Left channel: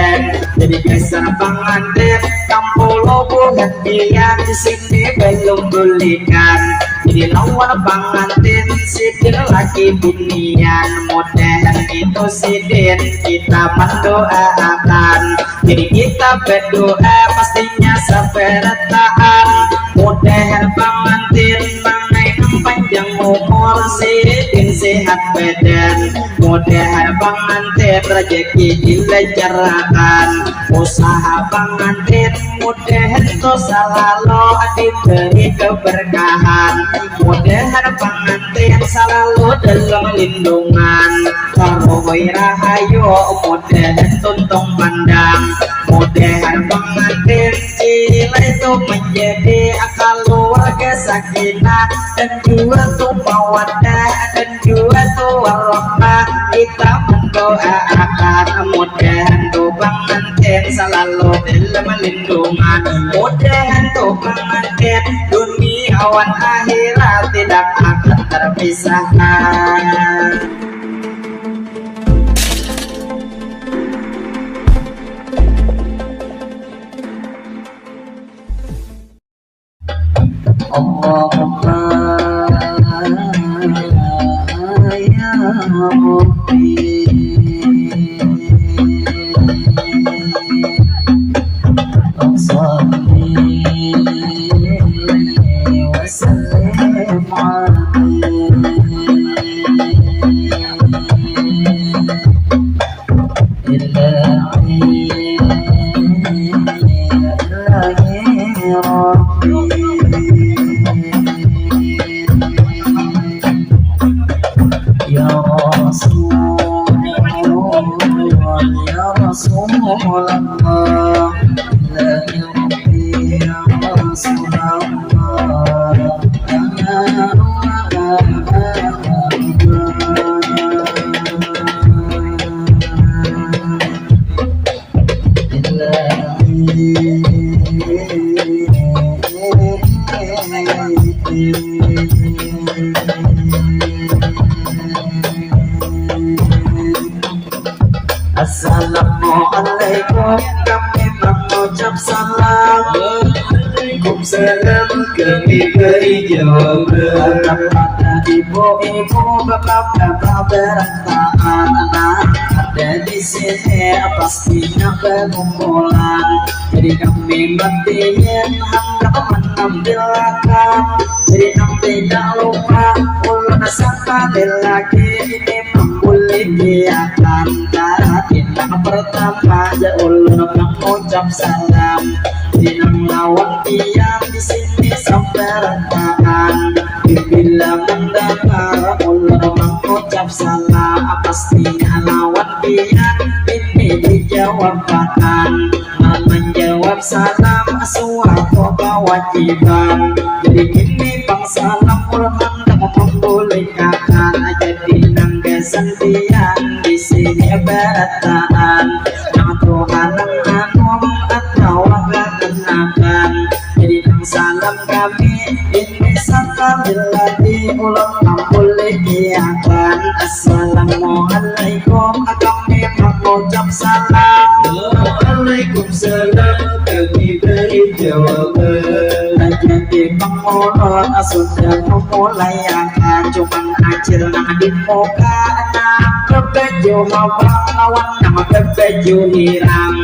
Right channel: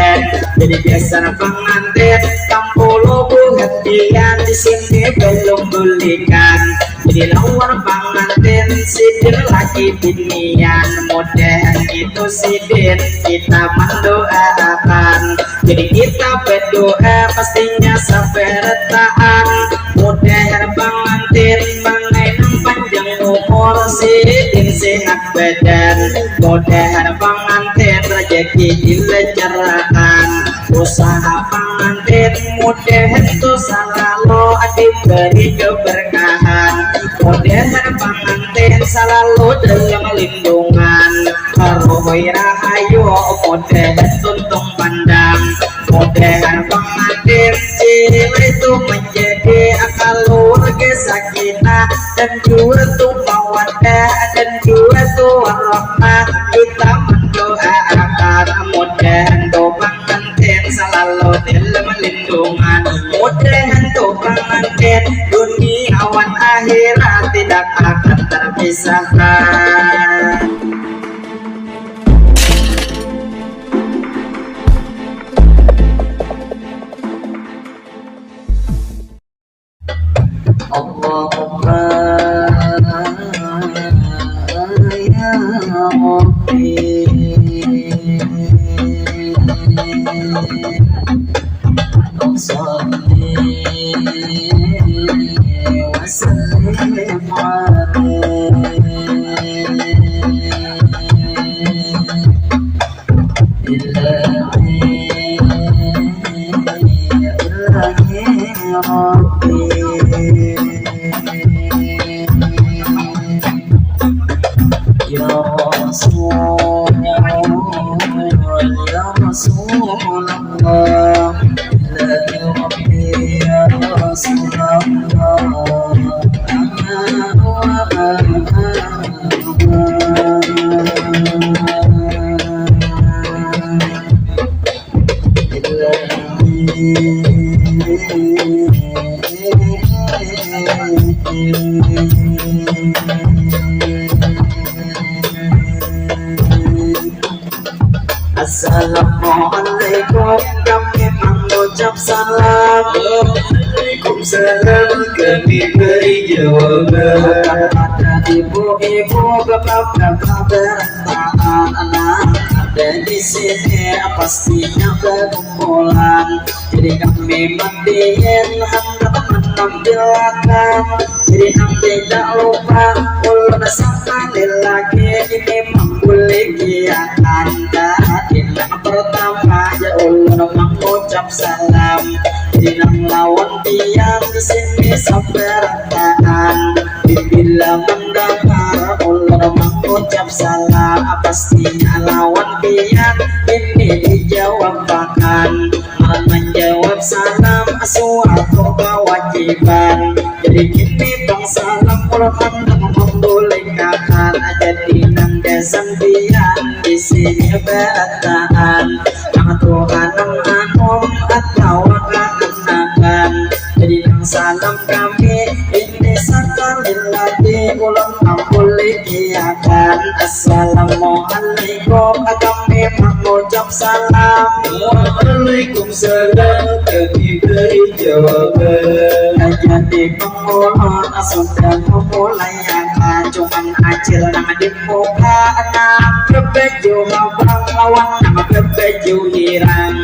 Moden jadi biasa pengantin Kampulo bukan dia di sini belum bulikan jadi lawan pengantin sidin lagi binian Moden itu sidin kita mendoakan jadi kita berdoa pastinya sampai retaan Moden pengantin mengenang panjang umur sidin sehat badan Moden pengantin rezeki dilancarkan usaha pengantin Moden itu selalu diberi keberkahan Moden pengantin selalu dalam lindungan Karohoi rahayu Moden tuntung pandang Moden pengantin cila itu menjadi akal keluarga sakinah dan juga tuh mawaddah dan juga tuh warahmah kita mendoakan Moden tuh pengantin selalu dalam lindungan Moden tuh pengantin duniawan akhirat tidak akan terpisahkan. Allahumma ya Rabbi salli wa sallim Assalamualaikum kami mengucap salam Waalaikumsalam kami beri jawaban Ada ibu-ibu bapak-bapak berantakan anak ada di sini pastinya berkumpulan jadi kami mandiin hendak menampilkan jadi yang tidak lupa ulun sekali lagi ini memulai kegiatan yang pertama ya ulun mengucap salam jadi nang lawan tiang di sini sampai rentaan bila mendengar ulun mengucap salam pastinya lawan tiang ini dijawabkan menjawab salam suatu kewajiban jadi gini bang salam ulun hendak membolehkan jadi nang kesendian di sini berataan yang Tuhan anum atau akan jadi nang salam kami ini sekali lagi ulun membolehkan Assalamualaikum kami mengucap salam Waalaikumsalam kami beri jawaban jadi pengulun sudah memulai akan cuman acil nang di muka anak berbaju mabang lawan nang berbaju hirang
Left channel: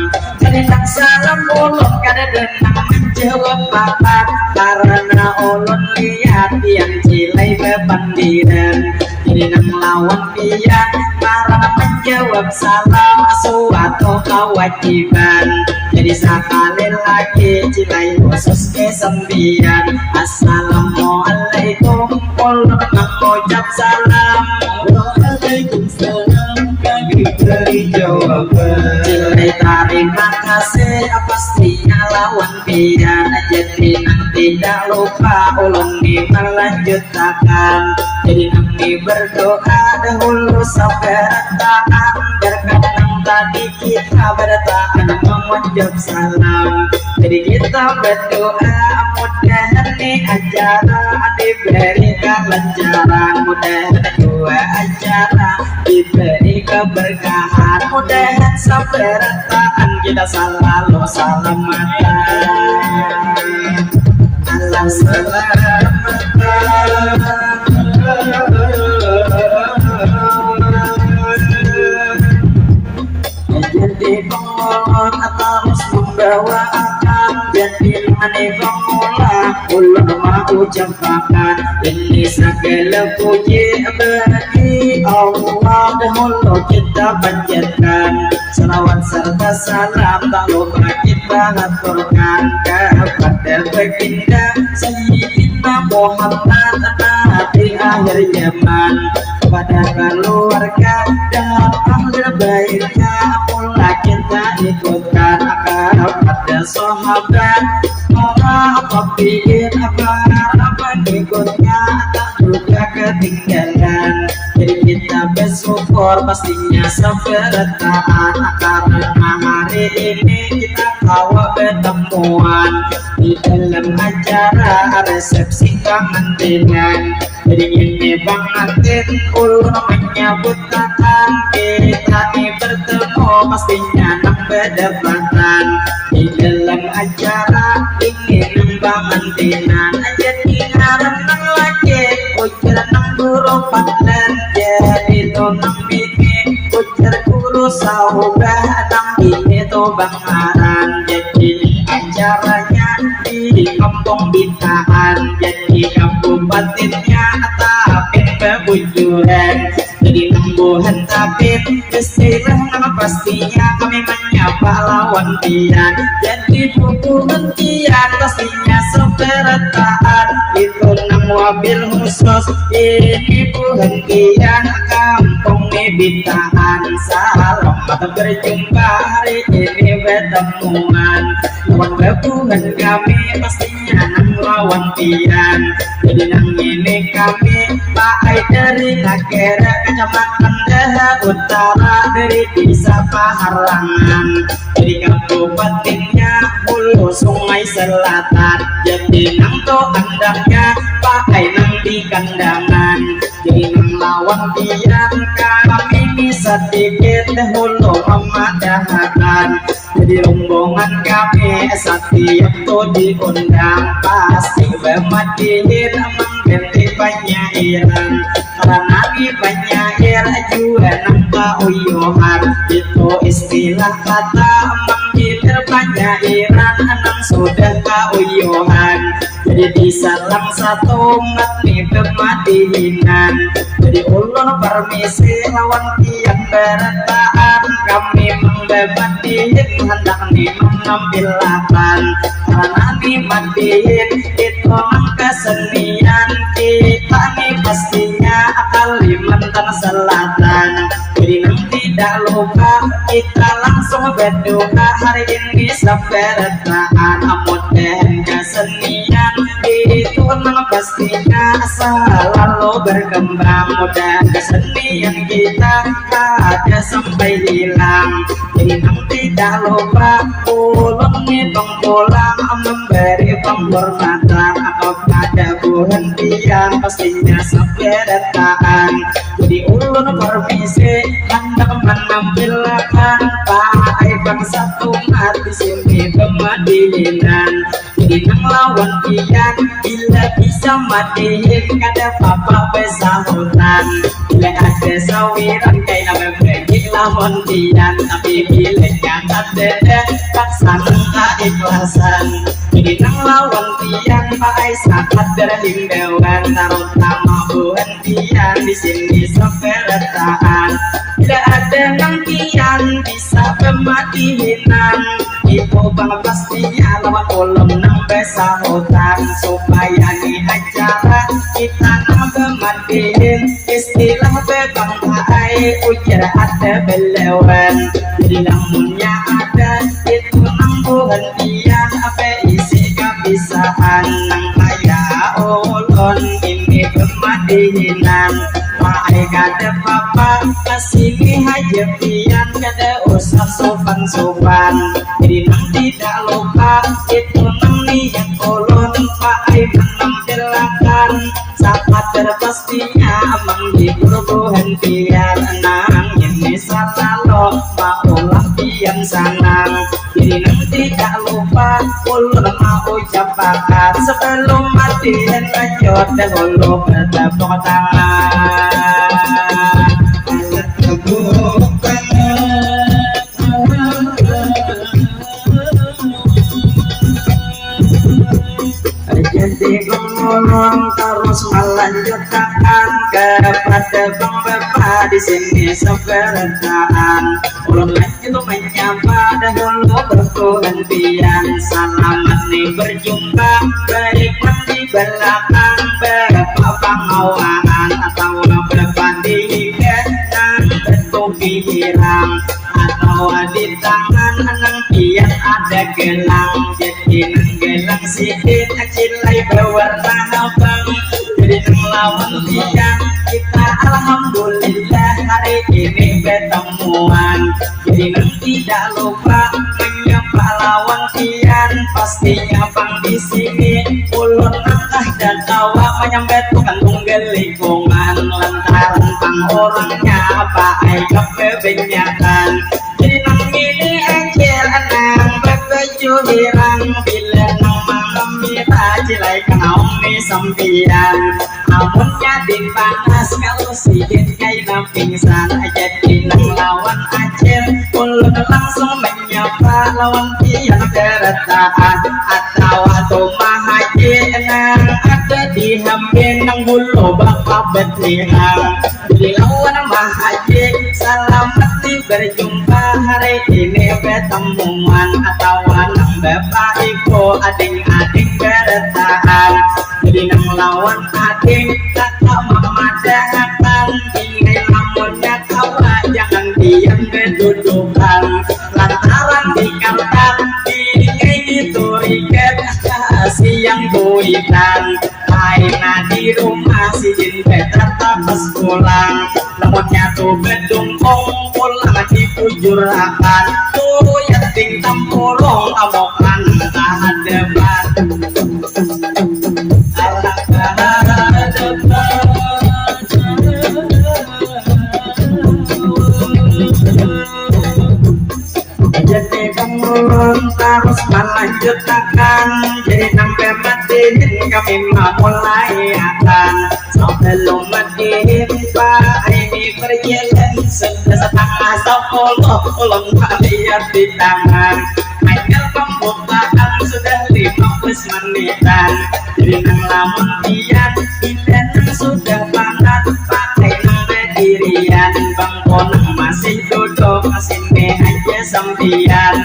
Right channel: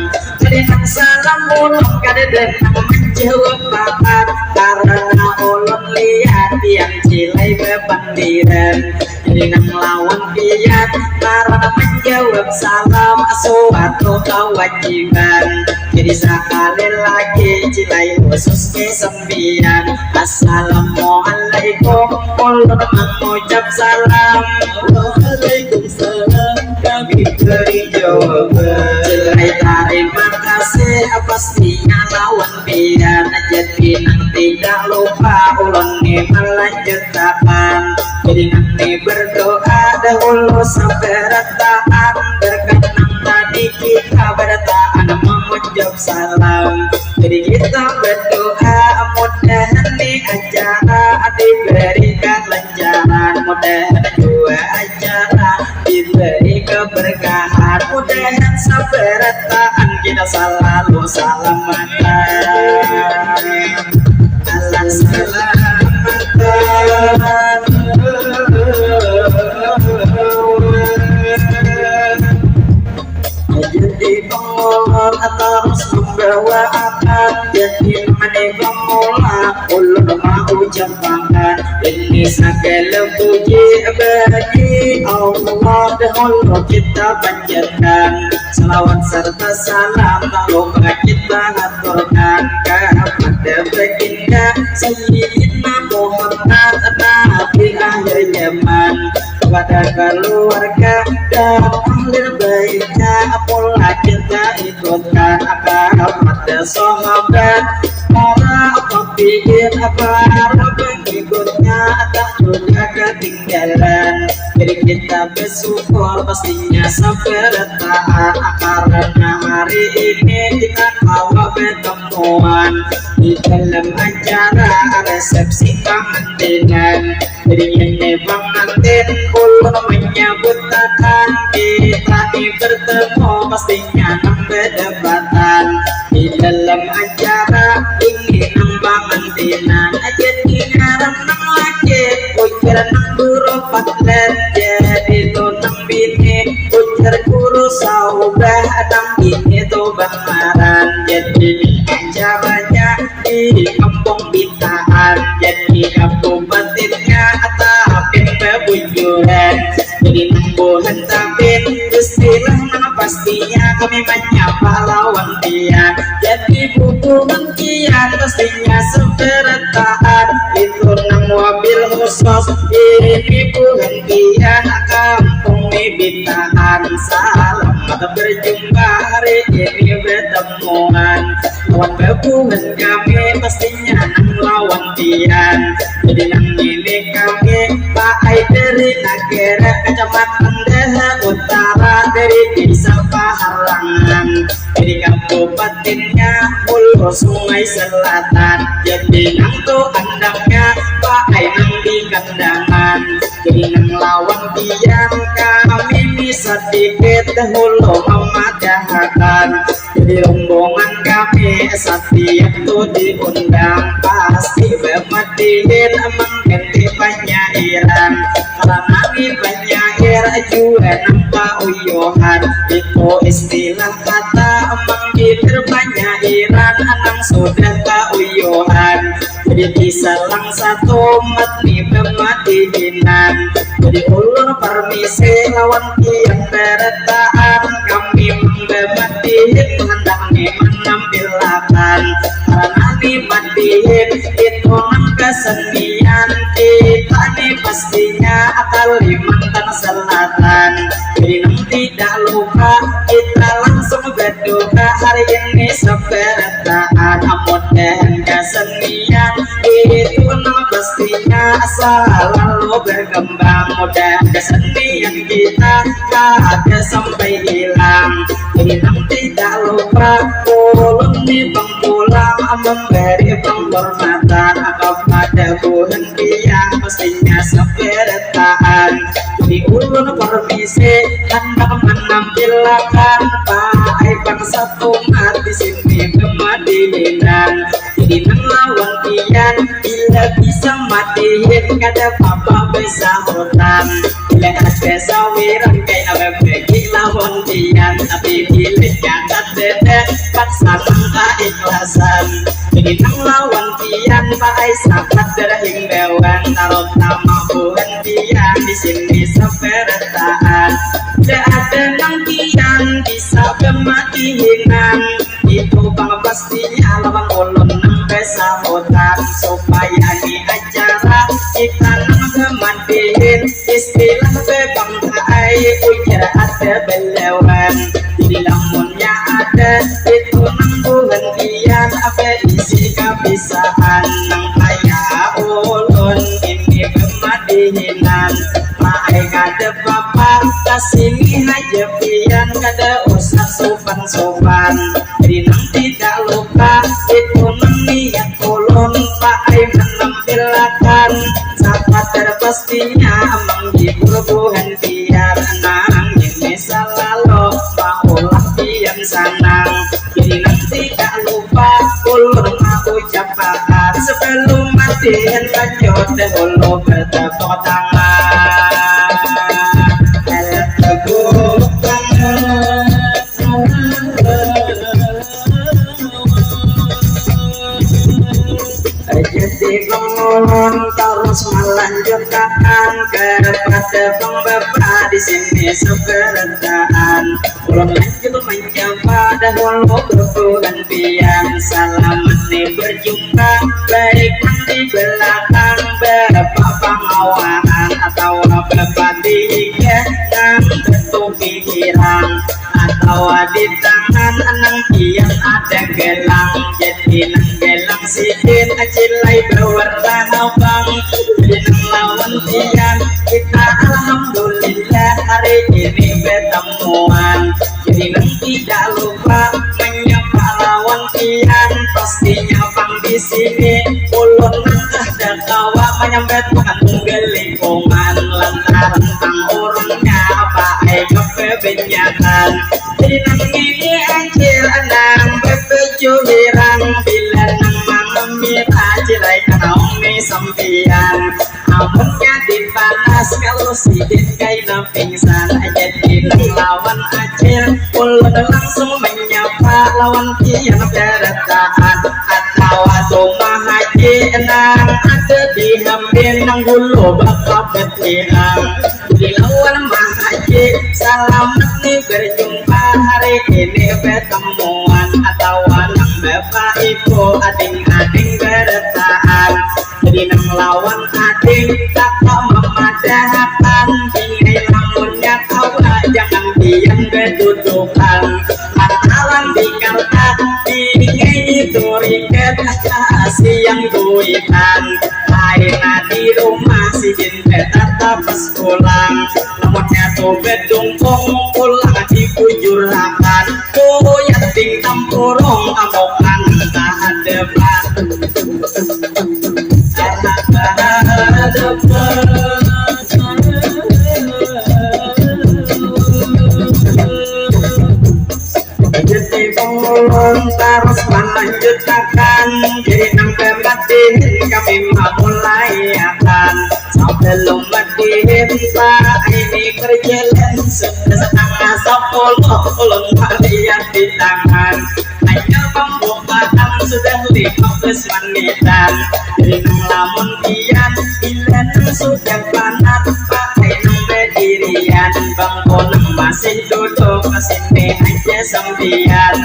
jadi nang salam ulun kada dan nang menjawab bakat karena ulun lihat yang cilai bebandiran jadi nang lawan pian karena menjawab salam suatu kewajiban jadi sekali lagi cilai khusus kesembilan Assalamualaikum ulun mengucap salam Waalaikumsalam kami beri jawaban cilai terima kasih pastinya lawan pian jadi nang tidak lupa ulun ni melanjutkan jadi nang ni berdoa dahulu sampai retaan berkenang tadi kita bertahan mengucap salam jadi kita berdoa mudah-mudahan nih acara diberikan lancaran mudah-mudahan dua acara diberi keberkahan mudah-mudahan sampai persaudaraan kita selalu salamatan. Allah selamatan. Jadi pengulur terus membawa akan, jadi mani pemula ulur mau campakan. Ini segala puji bagi Allah, dahulu kita panjatkan selawat serta salam, tak lupa kita haturkan kepada baginda Sayyidina Muhammad Nabi akhir zaman, kepada keluarga dan ahli baitnya pula kita ikutkan, kepada sahabat para tabi'in para pengikutnya tak juga ketinggalan. Jadi kita bersyukur pastinya sebertaan, karena hari ini kita kawa bertemuan di dalam acara resepsi pengantinan. Jadi ini Bang Antin ulun menyambut datang, kita nih bertemu pastinya nambah dapatan di dalam acara ini nambah antinan. Jadi ngaram nang laki ujar nang guru patlen, jadi to nang bini ujar guru saubah nang bini to bangaran. Jadi acaranya di kampung Bitaan, jadi kabupatennya Tapin Pebujuran. Jadi nambuhan Tapin istilah nama pastinya kami menyapa lawan dia. Jadi buku hentian pastinya seberataan, itu nang wabil khusus ini buhentian kampung Bitaan. Selamat berjumpa hari ini bertemuan, lawan gabungan kami pastinya nang lawan tian. Jadi nang ini kami Pak dari Nakera Kecamatan Daha Utara, dari desa Paharangan, jadi kabupatennya Hulu Sungai Selatan. Jadi nang to andaknya Pak nang di kandangan, jadi nang lawan tian kami bisa sedikit dahulu memadahkan. Jadi rombongan kami setiap tuh diundang pasti bermatiin mengganti penyairan, karena di penyair juga nampak uyuhan. Itu istilah kata menggiter penyairan anang sudah keuyuhan. Jadi diselang satu matni pematihinan. Jadi ulur permisi lawan tiang beretaan, kami menggabatihin hendak menampilkan, karena dimatihin itu nang kesenian kita nih pastinya Kalimantan Selatan. Jadi nang tidak lupa kita langsung berduka hari ini sebertaan, mudah kesenian itu nang pastinya selalu berkembang, mudah kesenian kita ada sampai hilang. Jadi nang tidak lupa ulun nih pulang memberi penghormatan kepada buhentian pastinya seberataan. Jadi ulun permisi hendak menampilkan Pak bangsa umat di sini kemadinan. Jadi nang lawan tian bila bisa matiin kada papa besahutan, bila ada sawiran kayak apa bagi lawan tian, tapi bila jagat dede paksa tak ikhlasan. Jadi nang lawan tian pakai sakat berhimbauan, terutama buhentian di sini seberataan. Bila ada nang tian bisa kematinan, itu bang pastinya lawan ulun nang besahutan, supaya di acara kita nang kematian istilah bebangkai ujar ada belewan. Jadi lamunnya ada itu nang buhentian apa isi kebiasaan nang kaya ulun ini kematinan. Pakai kada papa kasini haja pian kada usah sopan-sopan. Jadi nang tidak lupa itu nang niat ulun pakai menampilkan sahabat terpastinya menghibur buhentian nang ini salah menang. Jadi nanti tak lupa ulun mau ucapkan sebelum mati lanjut dan ulun bertepuk tangan. Tepuk tangan. Jadi ulun terus melanjutkan kepada Bang Bapak di sini sebenarnya. Ulun lanjut menyapa dahulu bergantian. Selamat nih berjumpa baik di belakang Bapak pengawalan atau Bapak di kanan bertopi hirang atau di tangan nang kian ada gelang. Jadi nang gelang sikit acilai berwarna abang. Jadi nang lawan tiang kita alhamdulillah hari ini bertemuan. Jadi nang tidak lupa menyapa lawan tiang pastinya pang di sini ulun nangkah dan tawa menyambet kantong gelikungan lantaran pang orangnya apa ai kebenyakan. Jadi nang ini anjir anang bekeju hirang bila nang mamira cilai kanaung ni sampian amunnya dipanas kalau sidin kaina pingsan. Jadi nang lawan acil ulun langsung menyapa lawan tiang keretaan atau rumah haji nang ada di hambin nang hulu bakal betlihang. Jadi lawan mah haji selamat nih berjumpa hari ini bertemuan atau nang bapak ibu ading-ading bertahan. Jadi nang lawan ading kakak memadakan tinggal lamunnya tawa jangan diam berdudukan lantaran dikaltak tinggal itu riket siang duitan aina di rumah si jin tetap pas pulang namunnya tuh bedungkong pulang di kujurakan tuh yating tampurong amokan tahan depan jadi pengulun terus melanjutkan. Jadi sampai matihin kami mulai akan sebelum matihin pak ini berjalan sudah setengah 10 ulun lihat di tangan hanya pembukaan sudah 15 menitan. Jadi nang lamun kian bila nang sudah panat pakai nang berdirian bangkonang masih duduk masih aja sampian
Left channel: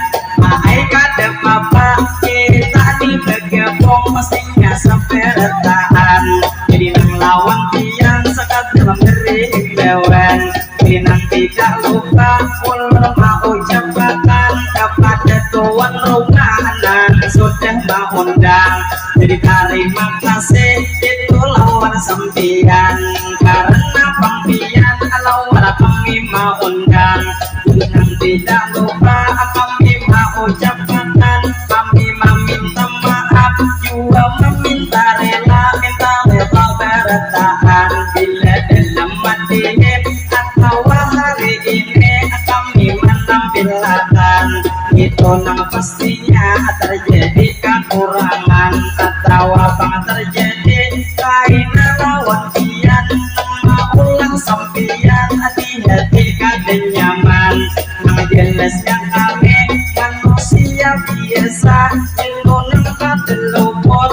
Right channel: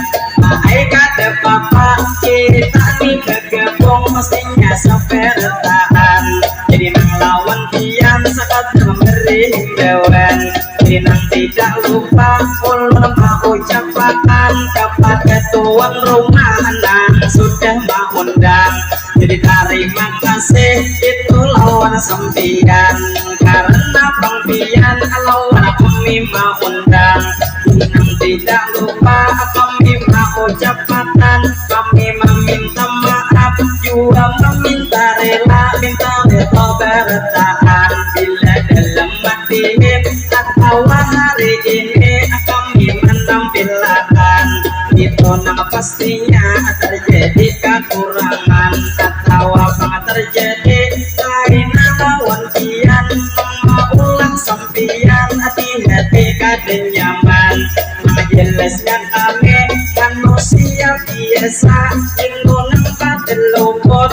mahai kada papa kita nih bergabung mestinya sampai retaan. Jadi nang lawan kian sekadar memberi himbauan. Jadi nang tidak lupa ulun mau ucapkan kepada tuan rumah nang sudah mengundang. Jadi terima kasih itu lawan sampian karena pengpian lawan kami mau undang. Jadi nang tidak lupa kami mau ucapkan kami meminta maaf juga meminta rela bertahan bila dalam matihin atau hari ini kami menampilkan itu nang pastinya terjadi kekurangan atau apa terjadi karena lawan kian nama ulang sampian hati-hati kada nyaman nang jelasnya kami manusia biasa ingunang kadelupot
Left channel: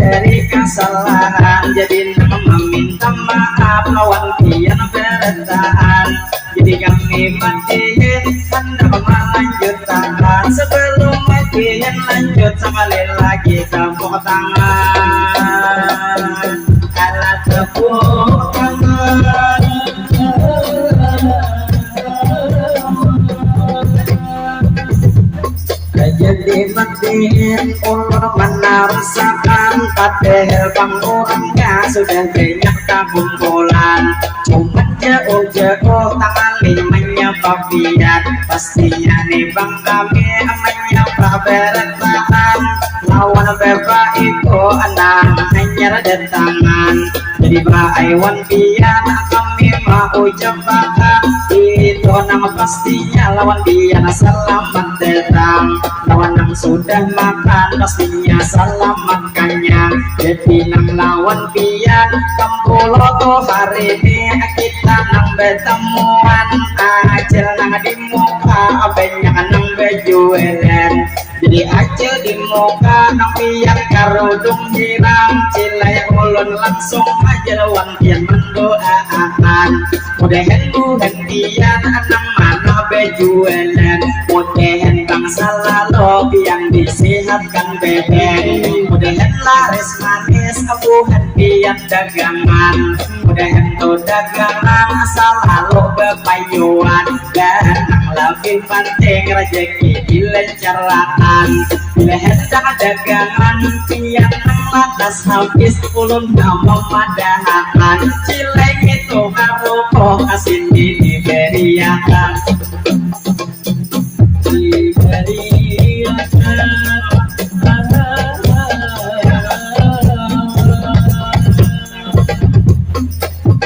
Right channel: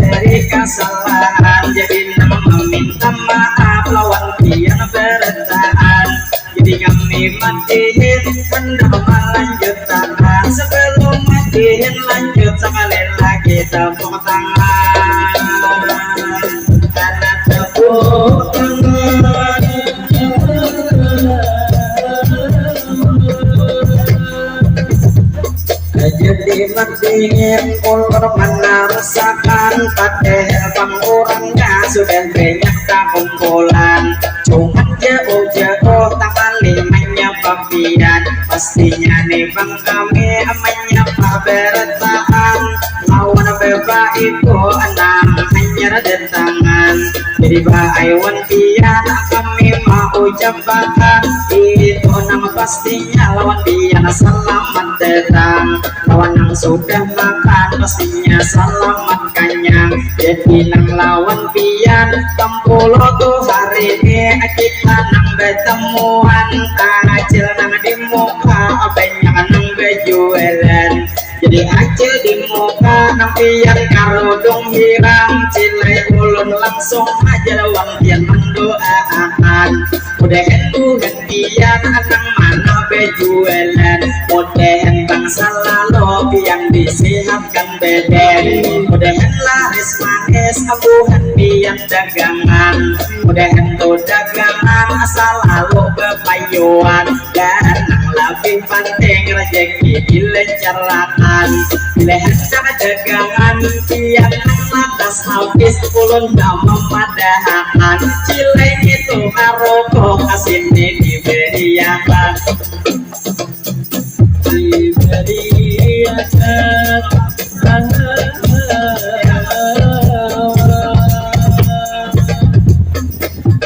dari kesalahan. Jadi nang meminta maaf lawan kian bertahan. Jadi kami matiin hendak melanjutkan sebelum matiin lanjut sekali lagi tepuk tangan karena tepuk tangan. Jadi matiin ulur menarasakan padahal pengurangnya sudah banyak kumpulan cuman jauh-jauh tangan limanya papian pastinya nih bang kami menyapa bertahan lawan bapak itu anak hanya tangan. Jadi Aiwan pian kami mau ucapkan itu nama pastinya lawan pian selamat tetang. Lawan yang sudah makan pastinya selamat kenyang. Jadi nang lawan pian tempulo tuh hari ini kita nang bertemuan. Acil nang di muka banyak nang bejualan. Jadi acil di muka nang pian karudung hirang. Cilai ulun langsung aja lawan pian mendoakan. Mudahan buhan pian nang mana bejualan. Mudahan bangsa lalu pian disehatkan beden. Mudahan laris manis buhan pian dagangan. Mudahan tuh dagangan asal lalu bepayuan. Dan nang lebih penting rezeki dilancarkan. Bila hendak dagangan pian nang lantas habis ulun nama madahakan. Cilai itu harokoh kasini diberiakan.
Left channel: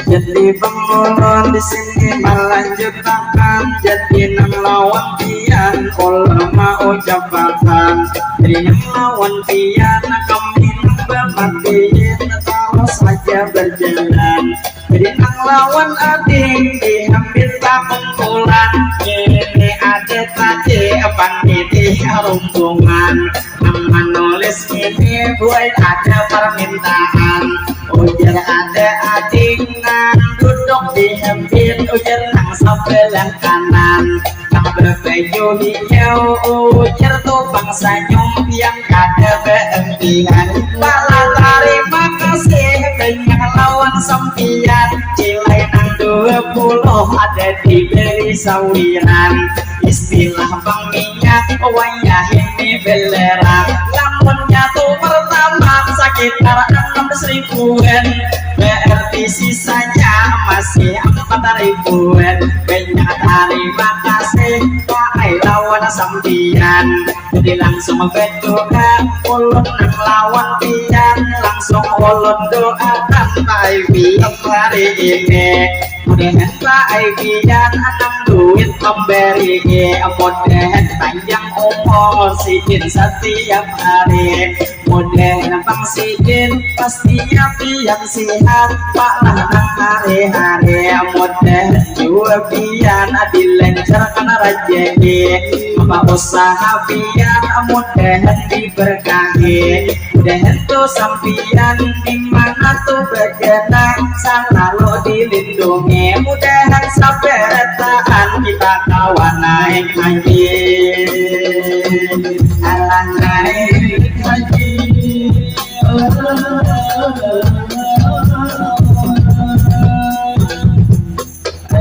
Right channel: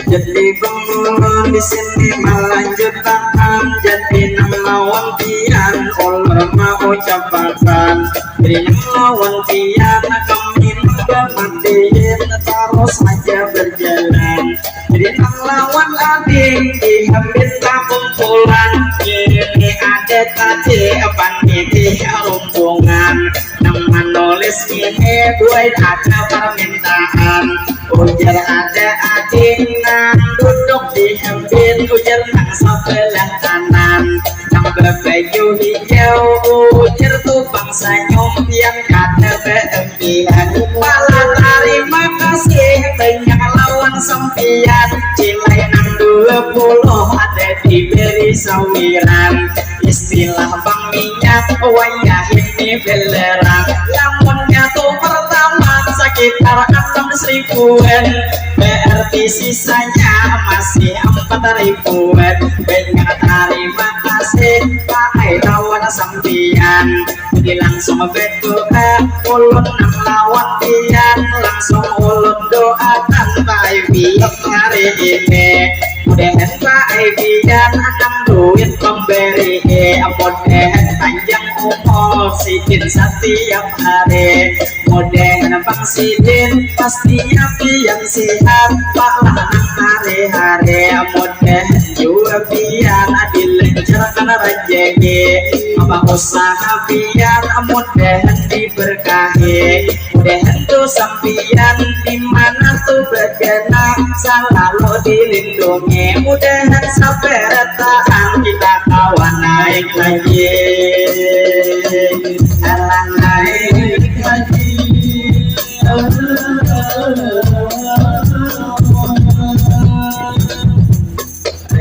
Jadi pengulun di sini melanjutkan. Jadi nang lawan pian ulur mau ucapakan. Jadi nang lawan pian kami bermatiin terus aja berjalan. Jadi nang lawan ading diambil tak kumpulan. Ini ada tadi panitia rombongan. Nang menulis ini buat ada permintaan. Ujar ada ading nang duduk diambil. Ujar nang sebelah kanan. Nang berbaju hijau ujar tuh bangsa nyumpian kada beempian. Malah terima kasih banyak lawan sempian. Cilai nang 20 ada diberi sawiran. Istilah bang minyak wayah ini belerang. Lamunnya tuh pertama sekitar 6.000-an. Berarti sisanya masih 4.000-an. Banyak terima kasih Pak lawan sempian. Jadi langsung berdoa ulun nang lawan pian. Langsung ulun doakan Pak Ibi hari ini. Mudahan Pak Ibi-an nang duit pemberi. Mudahan panjang umur sidin setiap hari. Mudahan Bang Sidin pastinya pian sehat Pak lah nang hari-hari. Mudahan juga pian dilancarkan rezeki. Apa usaha pian mudahan diberkahi. Mudahan tuh sampian dimana tuh bergena selalu dilindungi. Mudahan saberetaan kita kawan naik lagi. Alah naik lagi.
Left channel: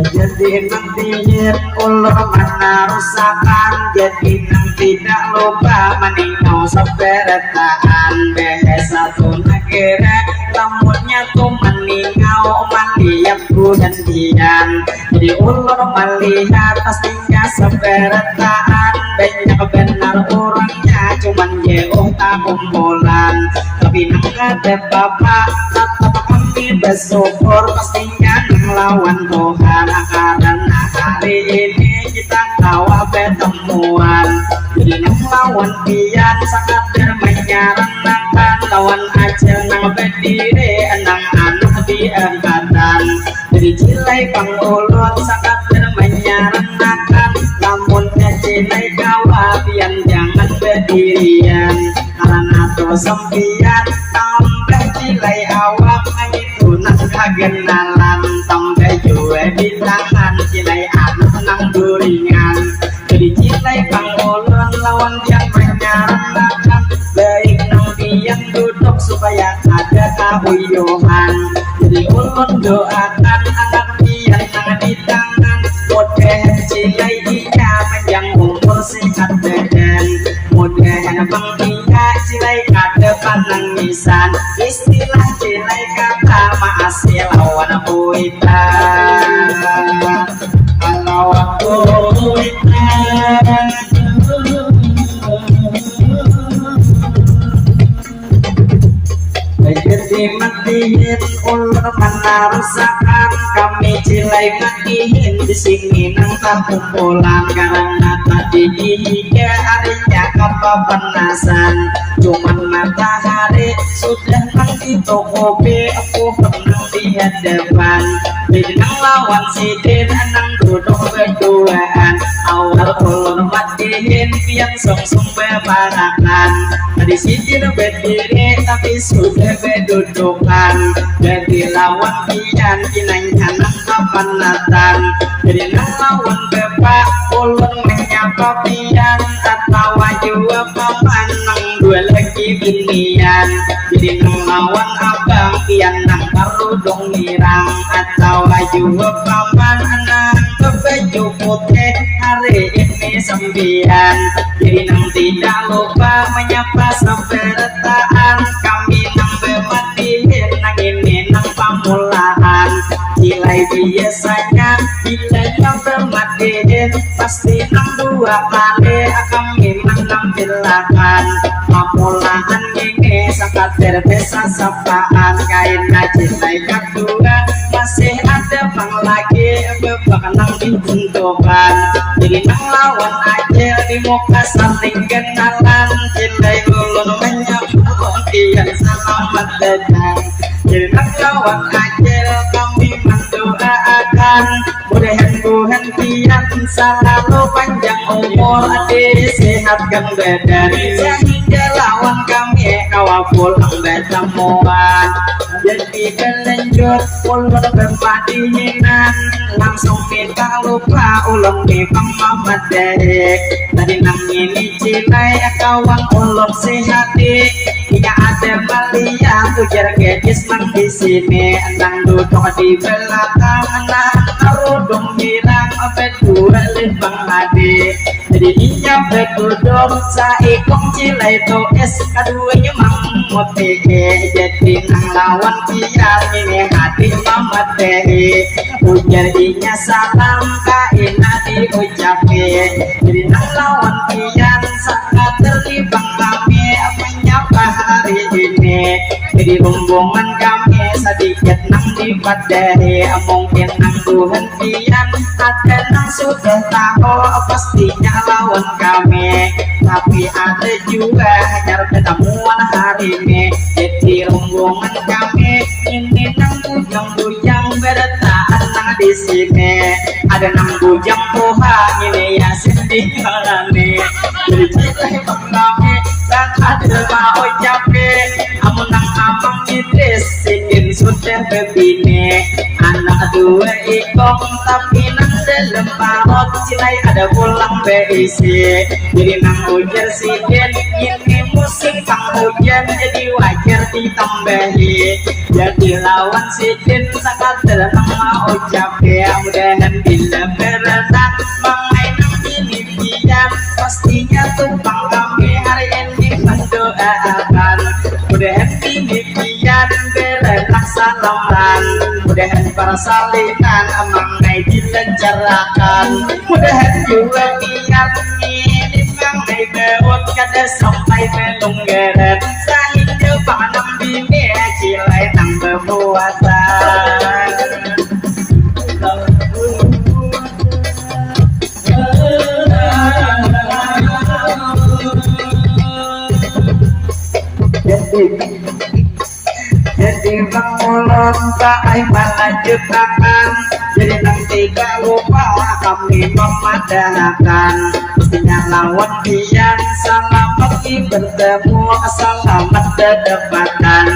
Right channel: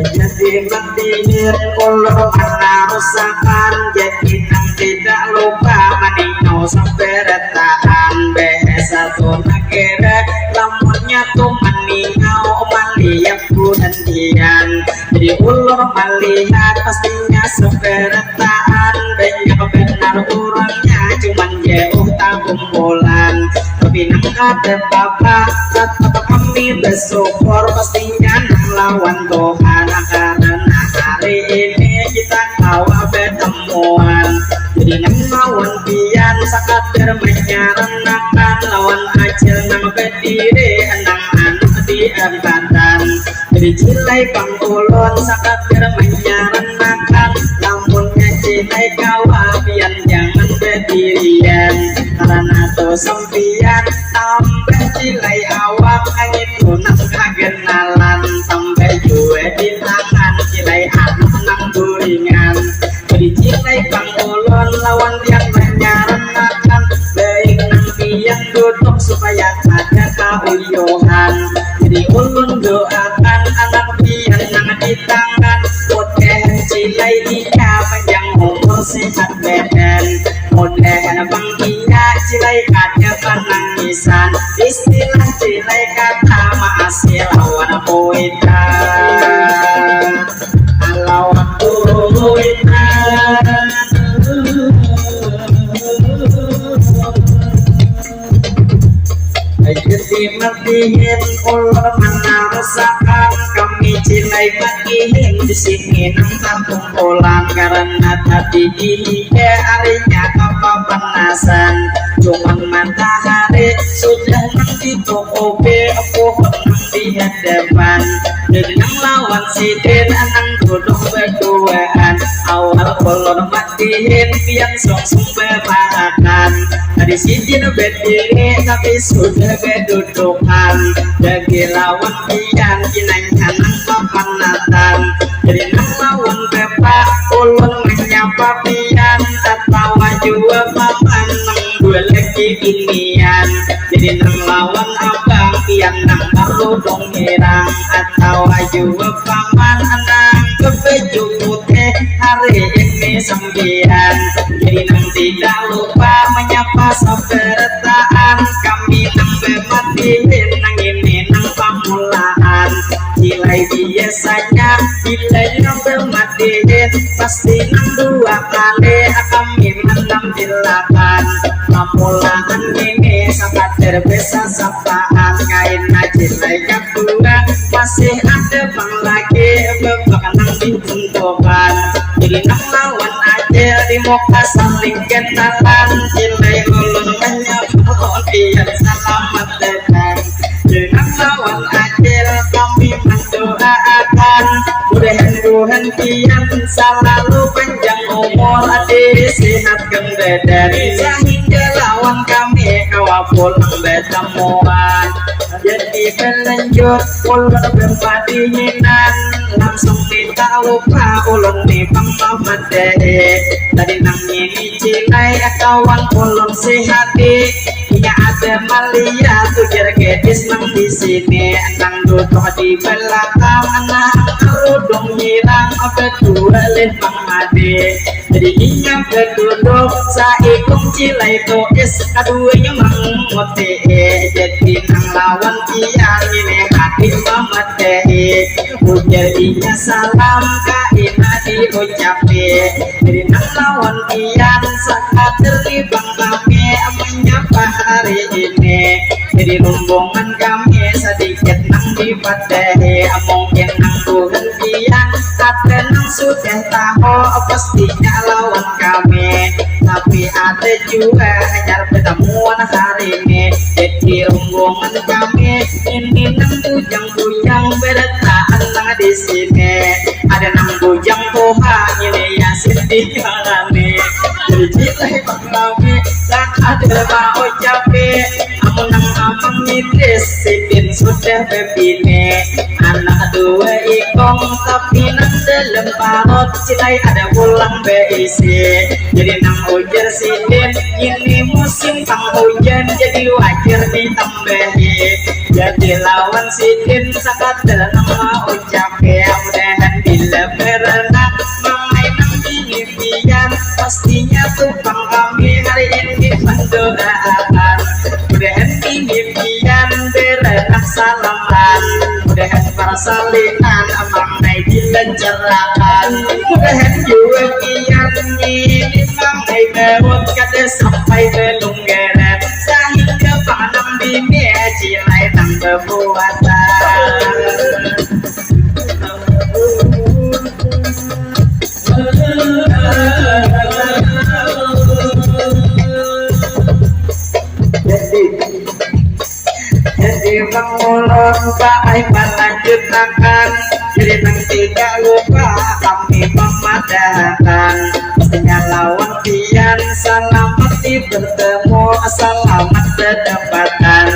Jadi mentingin ulur mana rusakan. Jadi nang tidak lupa meningau saberetaan. Bahasa tuh negara lamunnya tuh meningau melihat bulan dian. Jadi ulur melihat pastinya saberetaan. Banyak benar orangnya cuman jauh tak kumpulan. Tapi nang ada bapak tetap kami bersyukur. Pastinya nang lawan Tuhan. Karena hari ini kita kawa bertemuan. Jadi nang lawan pian sakadar menyarankan. Lawan acil nang berdiri nang anak di angkatan. Jadi cilai pangulun sakadar menyarankan. Namunnya cilai kawa pian jangan berdirian. Karena tuh sempian tambah cilai awak itu nang kagenalan. Tambah juga di tangan cilai anak nang duringan. Jadi cilai pangulun lawan yang menyarankan. Baik nang pian duduk supaya ada kauyuhan. Jadi ulun doakan anak pian nang di tangan. Mudahan cilai iya panjang umur sehat badan. Mudahan bang iya cilai kada panangisan. Istilah cilai kata maasih lawan puita. Lawan puita. Jadi matihin ulur mana rusakan. Kami cilai makihin di sini nang kumpulan karena tadi dihiga harinya kepanasan cuman matahari sudah nang di toko be aku nang di hadapan jadi nang lawan sidin nang duduk berduaan awal kolon matiin pian song bebakan tadi sidin berdiri tapi sudah berdudukan bagi lawan pian kinang kanan kepanatan jadi nang lawan bepa kolon menyapa pian tertawa jua papan nang dua lagi binian jadi nang lawan abang pian nang kalau dong ngirang atau jua paman anang kebeju putih hari ini sembian jadi nang tidak lupa menyapa sebertaan kami nang bematiin nang ini nang pamulaan nilai biasanya nilainya bermatiin pasti nang dua kali kami menampilakan pamulaan ini sangat terbesa sapaan kain nilai kedua masih ada bang lagi bebak nang ditentukan jadi nang lawan aja di muka saling kenalan nilai ulun menyapa pian selamat datang jadi nang lawan aja kami mendoakan mudah-mudahan pian selalu panjang umur disehatkan badan sehingga lawan kami kawa pulang bertemuan jadi berlanjut ulun berpadihinan langsung minta lupa ulun di Bang Mamat Dek tadi nang ini cilai kawan ulun sehati iya ada Malia tujar gadis nang di sini nang duduk di belakang nang kerudung hilang apa dua Bang Ade jadi iya berduduk saikung cilai toes kaduanya mang mote jadi nang lawan pian ini hati Mamat Dek ujar inya salam kaina diucapi jadi nang lawan pian saat terlibang kami menyapa hari ini jadi rombongan kami sedikit nang dipadahi mungkin nang Tuhan pian ada nang sudah tahu pastinya lawan kami tapi ada juga hanya pertemuan hari ini jadi rombongan kami ini nang bujang-bujang berdataan nang di sini ada nang bujang poha ini yasin di kalane jadi cilai bang kami dan ada mau capek amun nang amang mitris sidin sudah bebini anak dua ikong tapi nang dalam parot cilai ada pulang beisi jadi nang ujar sidin ini musim penghujan jadi wajar ditambahi jadi lawan sidin sangat dalam mau capek mudahan bila berenang mengenai nang ini pian pastinya tumpang kami hari ini mendoakan mudahan ini pian berenak salaman mudahan para salinan mengenai dilancarkan mudahan juga pian ini mengenai berut kada sampai belum geret sehingga panam bini cilai nang berbuatan jadi bang ulun baik melanjutkan jadi nang tidak lupa kami memadahkan pastinya lawan pian selamat bertemu selamat kedapatan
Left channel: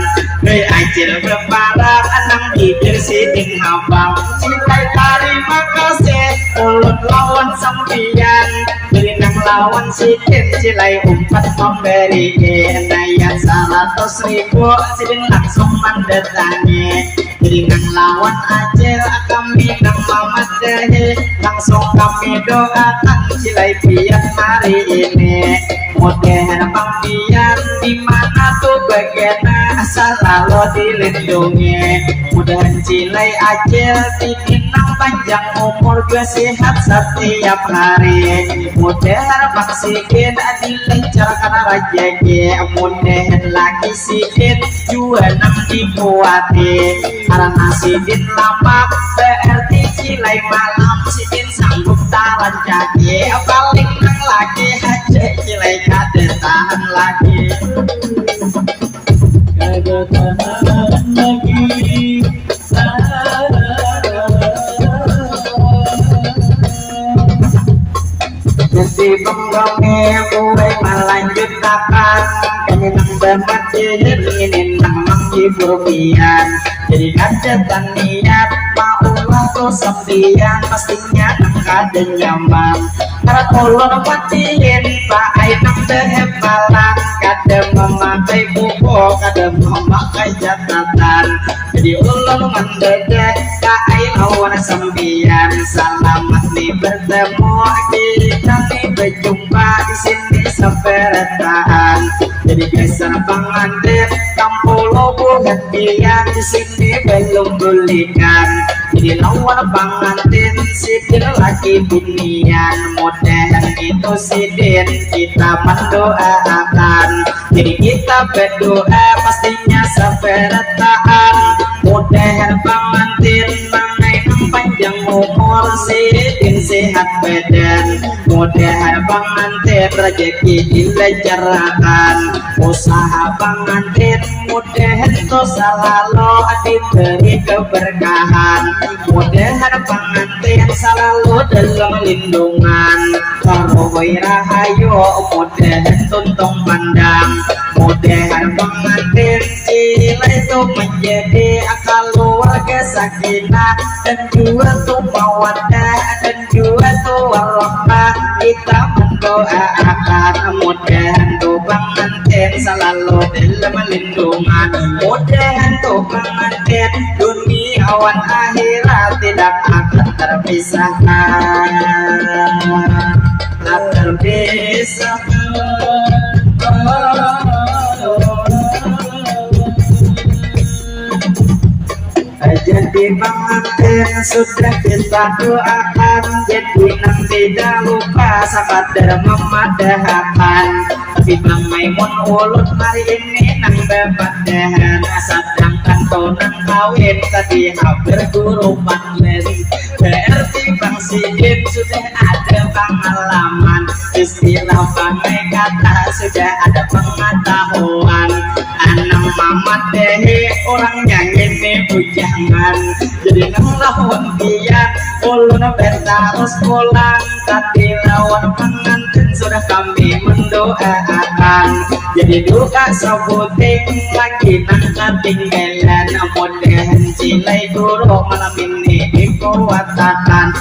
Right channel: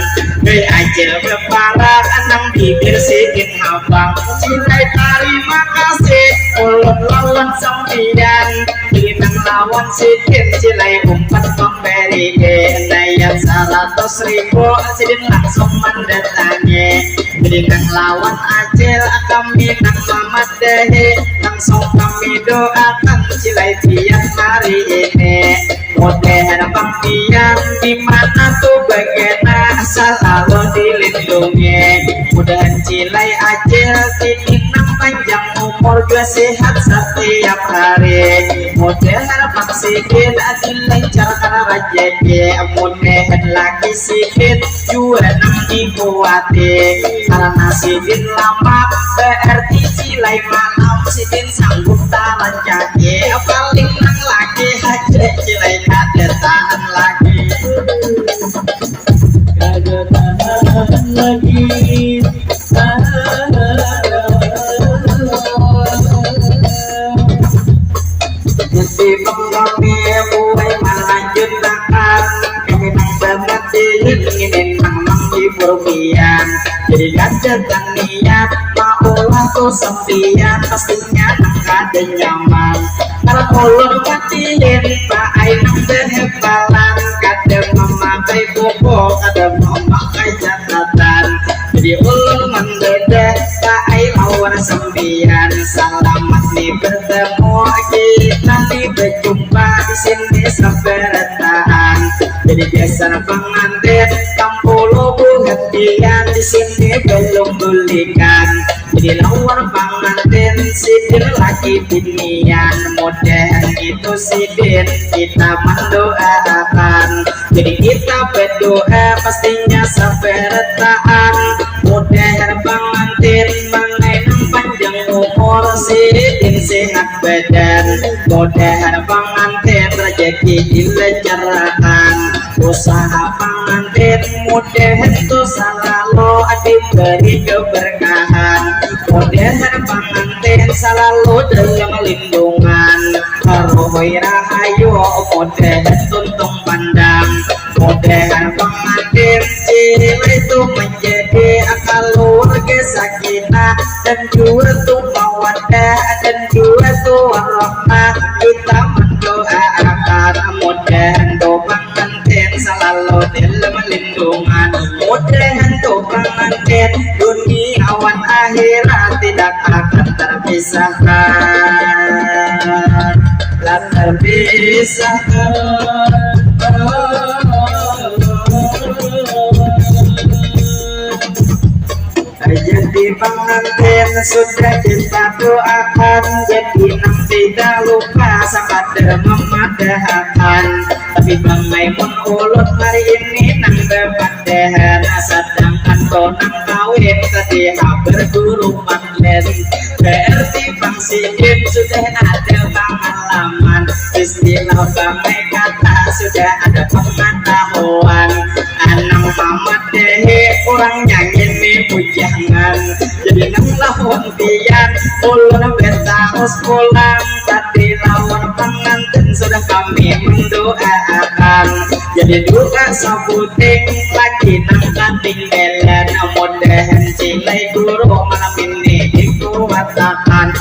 Doi acil berparak anang bibir sidin abang cilai terima kasih ulun lawan sampian nang lawan sidin cilai umpat memberi naya 100.000 sidin langsung mendatangi jadi nang lawan acil kami nang Mamat Dek langsung kami doakan cilai pian hari ini mudahan bang pian dimana tuh bagaimana selalu dilindungi mudahan cilai acil tidin nang panjang umur gue sehat setiap hari mudahan bang sidin dilancarkan rajaki mudahan lagi sidin juga nang dikuati karena sidin lama berarti nilai malam sidin sanggup tahan kaki paling nang lagi aja cilai kada tahan lagi kagak tahan lagi. Jadi penggami mulai melanjutkan kami nang bermati ingin nang menghibur pian. Jadi kadetan niat maulah ku sempian pastinya nang kada nyaman. Karena ulun patiin pak ai nang berhebalan kada memakai buku kada memakai catatan. Jadi ulun mendadak pak ai lawan sempian selamat nih bertemu kita nih berjumpa di sini sampai retaan. Jadi kesan pengantin kampulo bukan pian di sini belum bulikan. Jadi lawan pengantin sidin lagi binian modern itu sidin kita mendoakan. Jadi kita berdoa pastinya sampai retaan. Modern pengantin mengenang panjang umur sidin sehat badan. Modern pengantin rezeki dilancarkan. Usaha pengantin modern itu selalu diberi keberkahan. Modern pengantin selalu dalam lindungan. Karuhoi rahayu modern tuntung pandang. Modern pengantin cila itu menjadi keluarga sakinah dan juga tuh mawaddah dan juga tuh warahmah. Kita mendoakan modern tuh pengantin selalu dalam lindungan. Modern tuh pengantin duniawan akhirat tidak akan terpisahkan. Tak terpisahkan. Jadi pengantin sudah kita doakan. Jadi nang tidak lupa sekadar memadahkan. Tapi Bang Maimun ulun hari ini nang bepadahan. Sedangkan tonang kawin tadi berguru manlen. Berarti Bang Sidin sudah ada pengalaman. Istilah Bang kata sudah ada pengetahuan. Anang Mamat dehe orang nyanyi nih bujangan. Jadi nang lawan tian ulun harus pulang. Tadi lawan pengantin sudah kami mendoakan. Jadi duka sebuting lagi nang ketinggalan. Mudahan cilai guru malam ini dikuatakan.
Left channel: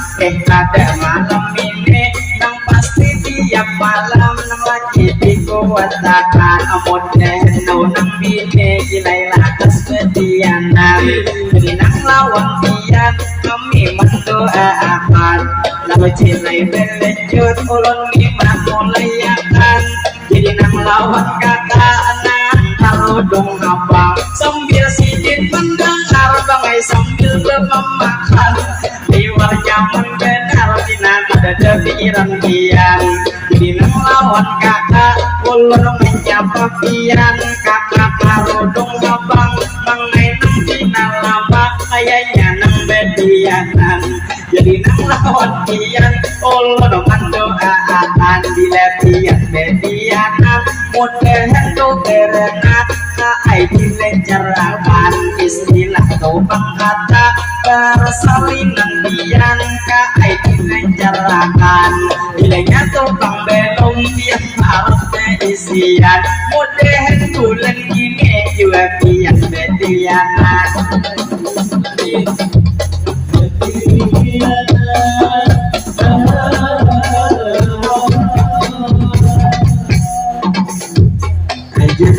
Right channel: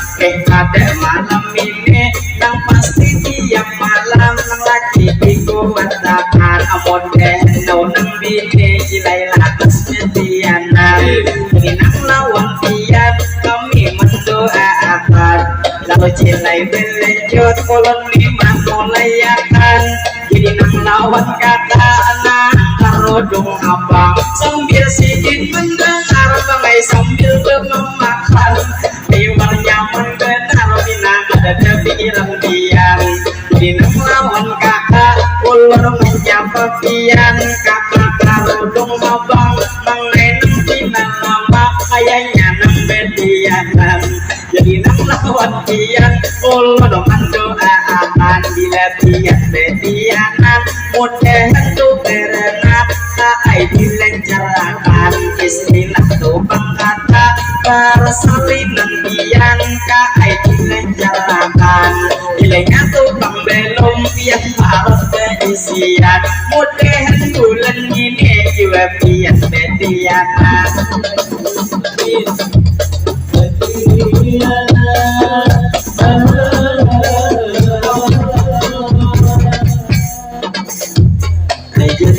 Pada malam ini nang pasti tiap malam nang lagi dikuatakan. Mudahan nang bini cilai latas mediana. Jadi nang lawan tian kami mendoakan. Lalu cilai berlanjut ulun lima mulayakan. Jadi nang lawan kakak anak karudung abang sambil sidin mendengar bangai sambil bermemakan. Liwar nyaman benar ina ada pikiran dian. Jadi nang lawan kakak ulun menjawab pian. Kakak karudung abang mengenang tina lama kayaknya nang bedianan. Jadi nang lawan pian ulun mendoakan. Bila pian bedianan mudahan tuh berenang ai dilancarkan. Istilah tuh kata persalinan pian ai dilancarkan. Bilangnya tuh bang belum pian harus beisian. Mudahan bulan ini juga pian bedianan.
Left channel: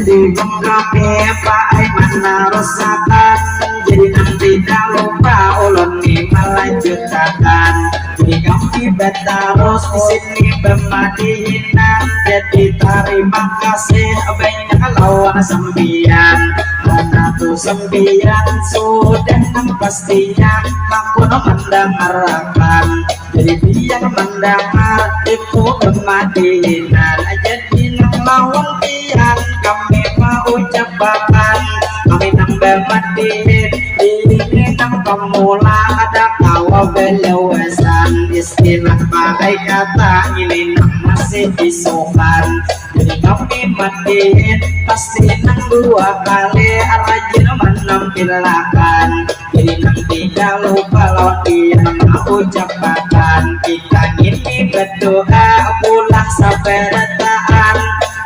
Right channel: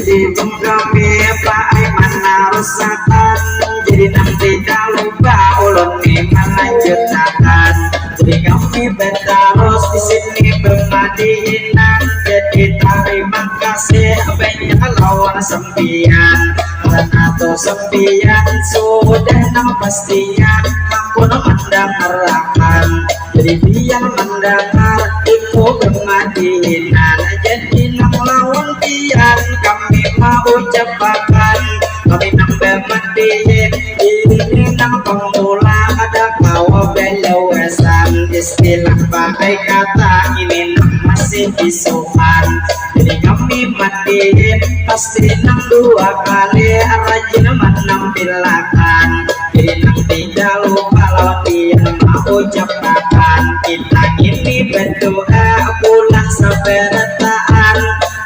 Jadi kami Pak Aiman harusakan. Jadi nang tidak lupa ulun nih melanjutkan. Jadi kami bertarus di sini bermadinan. Jadi terima kasih banyak lawan sembian. Karena tuh sembian sudah nang pastinya aku mendengarkan. Jadi biar mendengar itu bermadinan. Jadi nang lawan pian kami mau ucapkan. Kami nang bermadiin ini nang pemula ada kawa bela istilah pakai kata ini masih isukan. Jadi kami mandiin pasti nang 2 kali rajin menampilkan. Jadi nang 3 lupa lawan dia mau ucapkan. Kita ini berdoa pulah saberetaan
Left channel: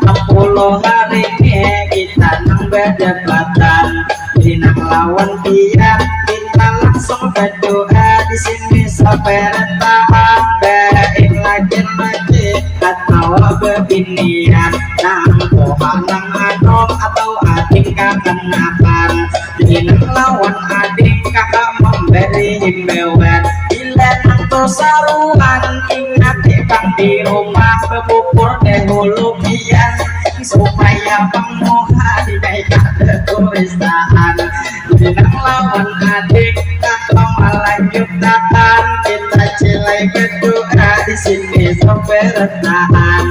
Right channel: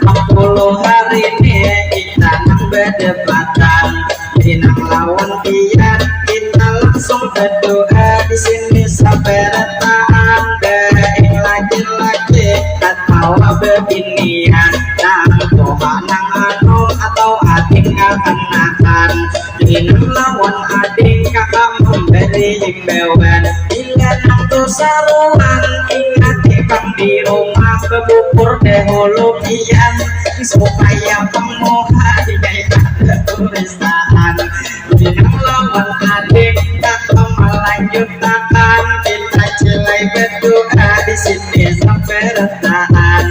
60 hari ini kita nang berdebatan. Jadi nang lawan dia kita langsung berdoa di sini saberetaan. Baik lagi-lagi atau bebinian nang doa nang anom atau adik kakanakan. Jadi nang lawan adik kakak memberi himbauan bila nang kesaluan ingat bang di rumah bebubur dahulu kian supaya penguha dikaikan tulisan. Jadi nang lawan adik kakak melanjutkan kita cilai berdoa di sini sampai retahan.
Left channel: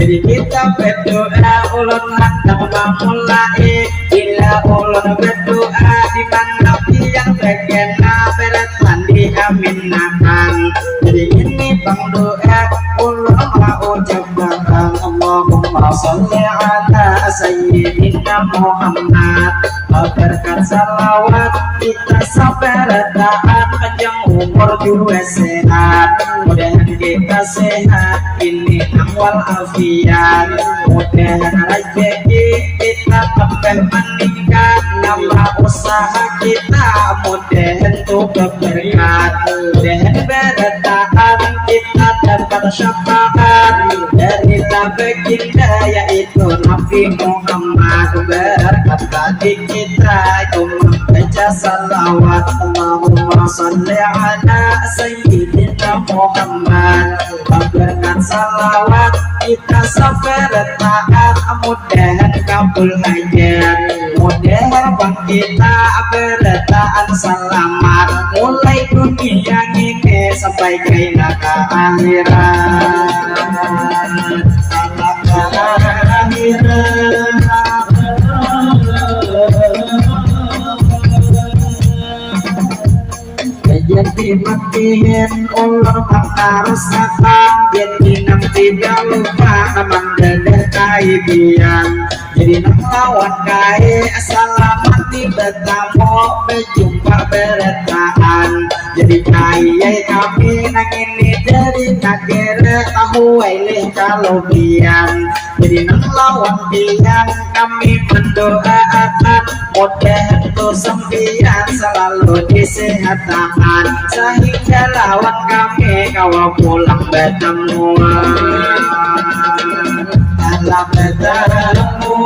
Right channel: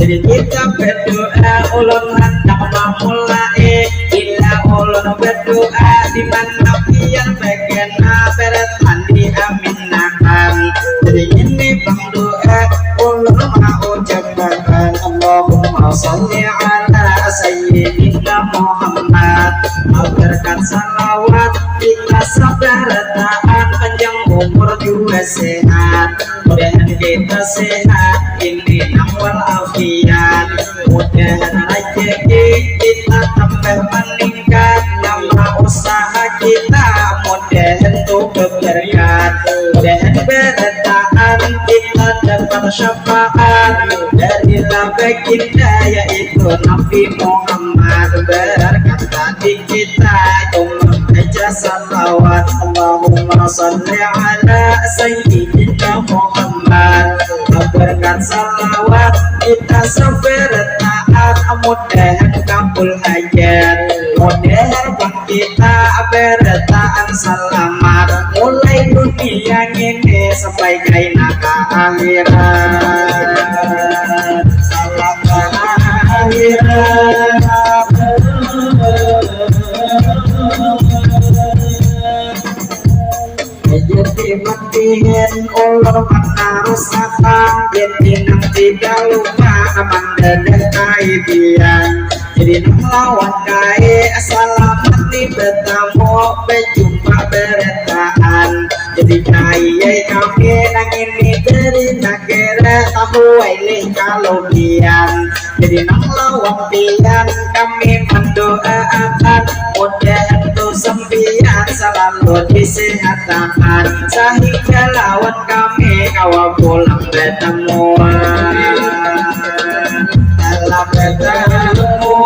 Jadi kita berdoa ulun hendak memulai ila ulun berdoa di mana pian begena beretan diaminakan. Jadi ini bang doa ulun mau ucapkan Allahumma sholli ala sayyidina Muhammad. Berkat salawat kita sabar taat panjang umur juga sehat. Mudahan kita sehat ini wal afiat. Mudahan rezeki kita tambah meningkat. Nama usaha kita mudahan juga berkat. Mudahan bertahan kita dapat syafaat dari baginda yaitu Nabi Muhammad. Berkat tadi kita membaca salawat Allahumma sholli ala sayyidina Muhammad. Berkat salawat kita sabar taat mudahan kabul hajat. Mudahan bang kita bertahan selamat mulai dunia ini sampai kaina ke akhirat. Salam ke akhirat. Jadi matiin ulur harus akan jadi nang tidak lupa naman dadah kaibian. Jadi nang lawan kai selamat di bertemu berjumpa bertahan. Jadi kai kami nang ini dari negara tahu wailih kalau pian. Jadi nang lawan pian kami mendoakan mudahan tuh sembilan selalu disehatan sehingga lawan kami kawal pulang bertemuan. Dalam bertemuan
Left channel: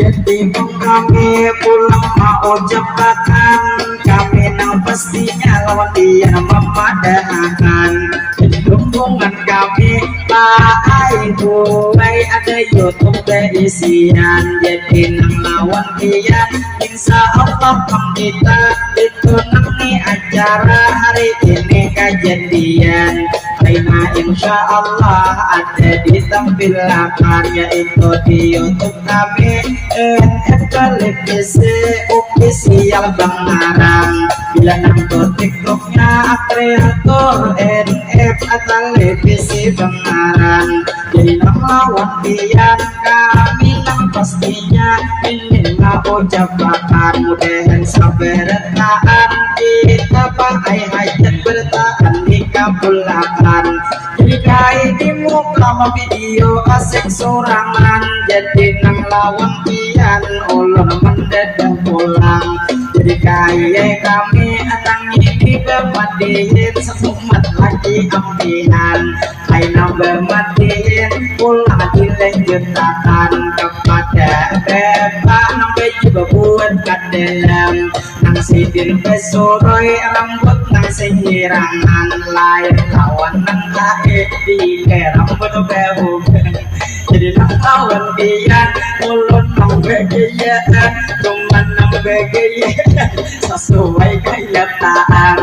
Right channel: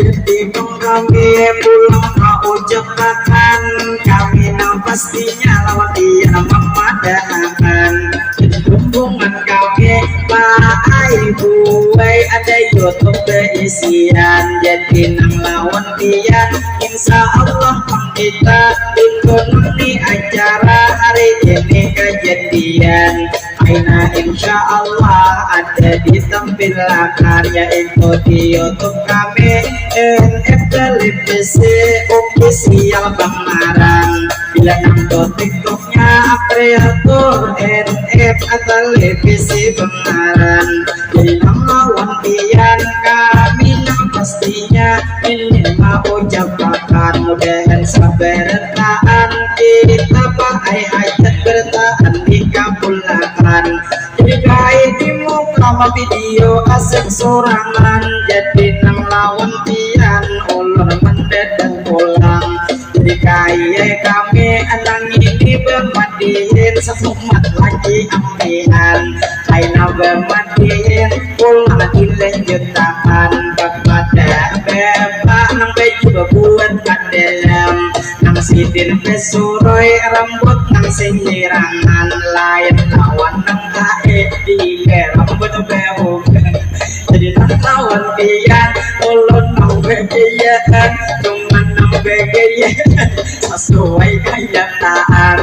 jadi kami pulang mau jebakan kami nang pastinya lawan dia memadahkan. Jadi hubungan kami pakai buai ada YouTube berisian. Jadi nang lawan dia insya Allah kita itu nanti acara hari ini kejadian. Aina insya Allah ada ditampilkan yaitu di YouTube kami NF Televisi Official Bangarang. Bila nang TikToknya kreator NF Televisi Bangarang. Jadi nang lawan pian kami nang pastinya ini mau ucapkan mudahan sabartaan kita pakai hajat bertahan dikabulkan. Jadi kait di muka video asik sorangan. Jadi nang lawan pian ulun mendadak pulang. Jadi kaya kami anang ini bermadihin sesumat lagi ampihan. Aina bermadihin pulang dilanjutkan kepada bapak nang baju buat kadelam. Nang sidin pesuroi rambut nang sihirangan lain lawan nang kae di rambut behu. Jadi nang lawan dia ulun nang begayaan cuman nang begayaan sesuai kenyataan.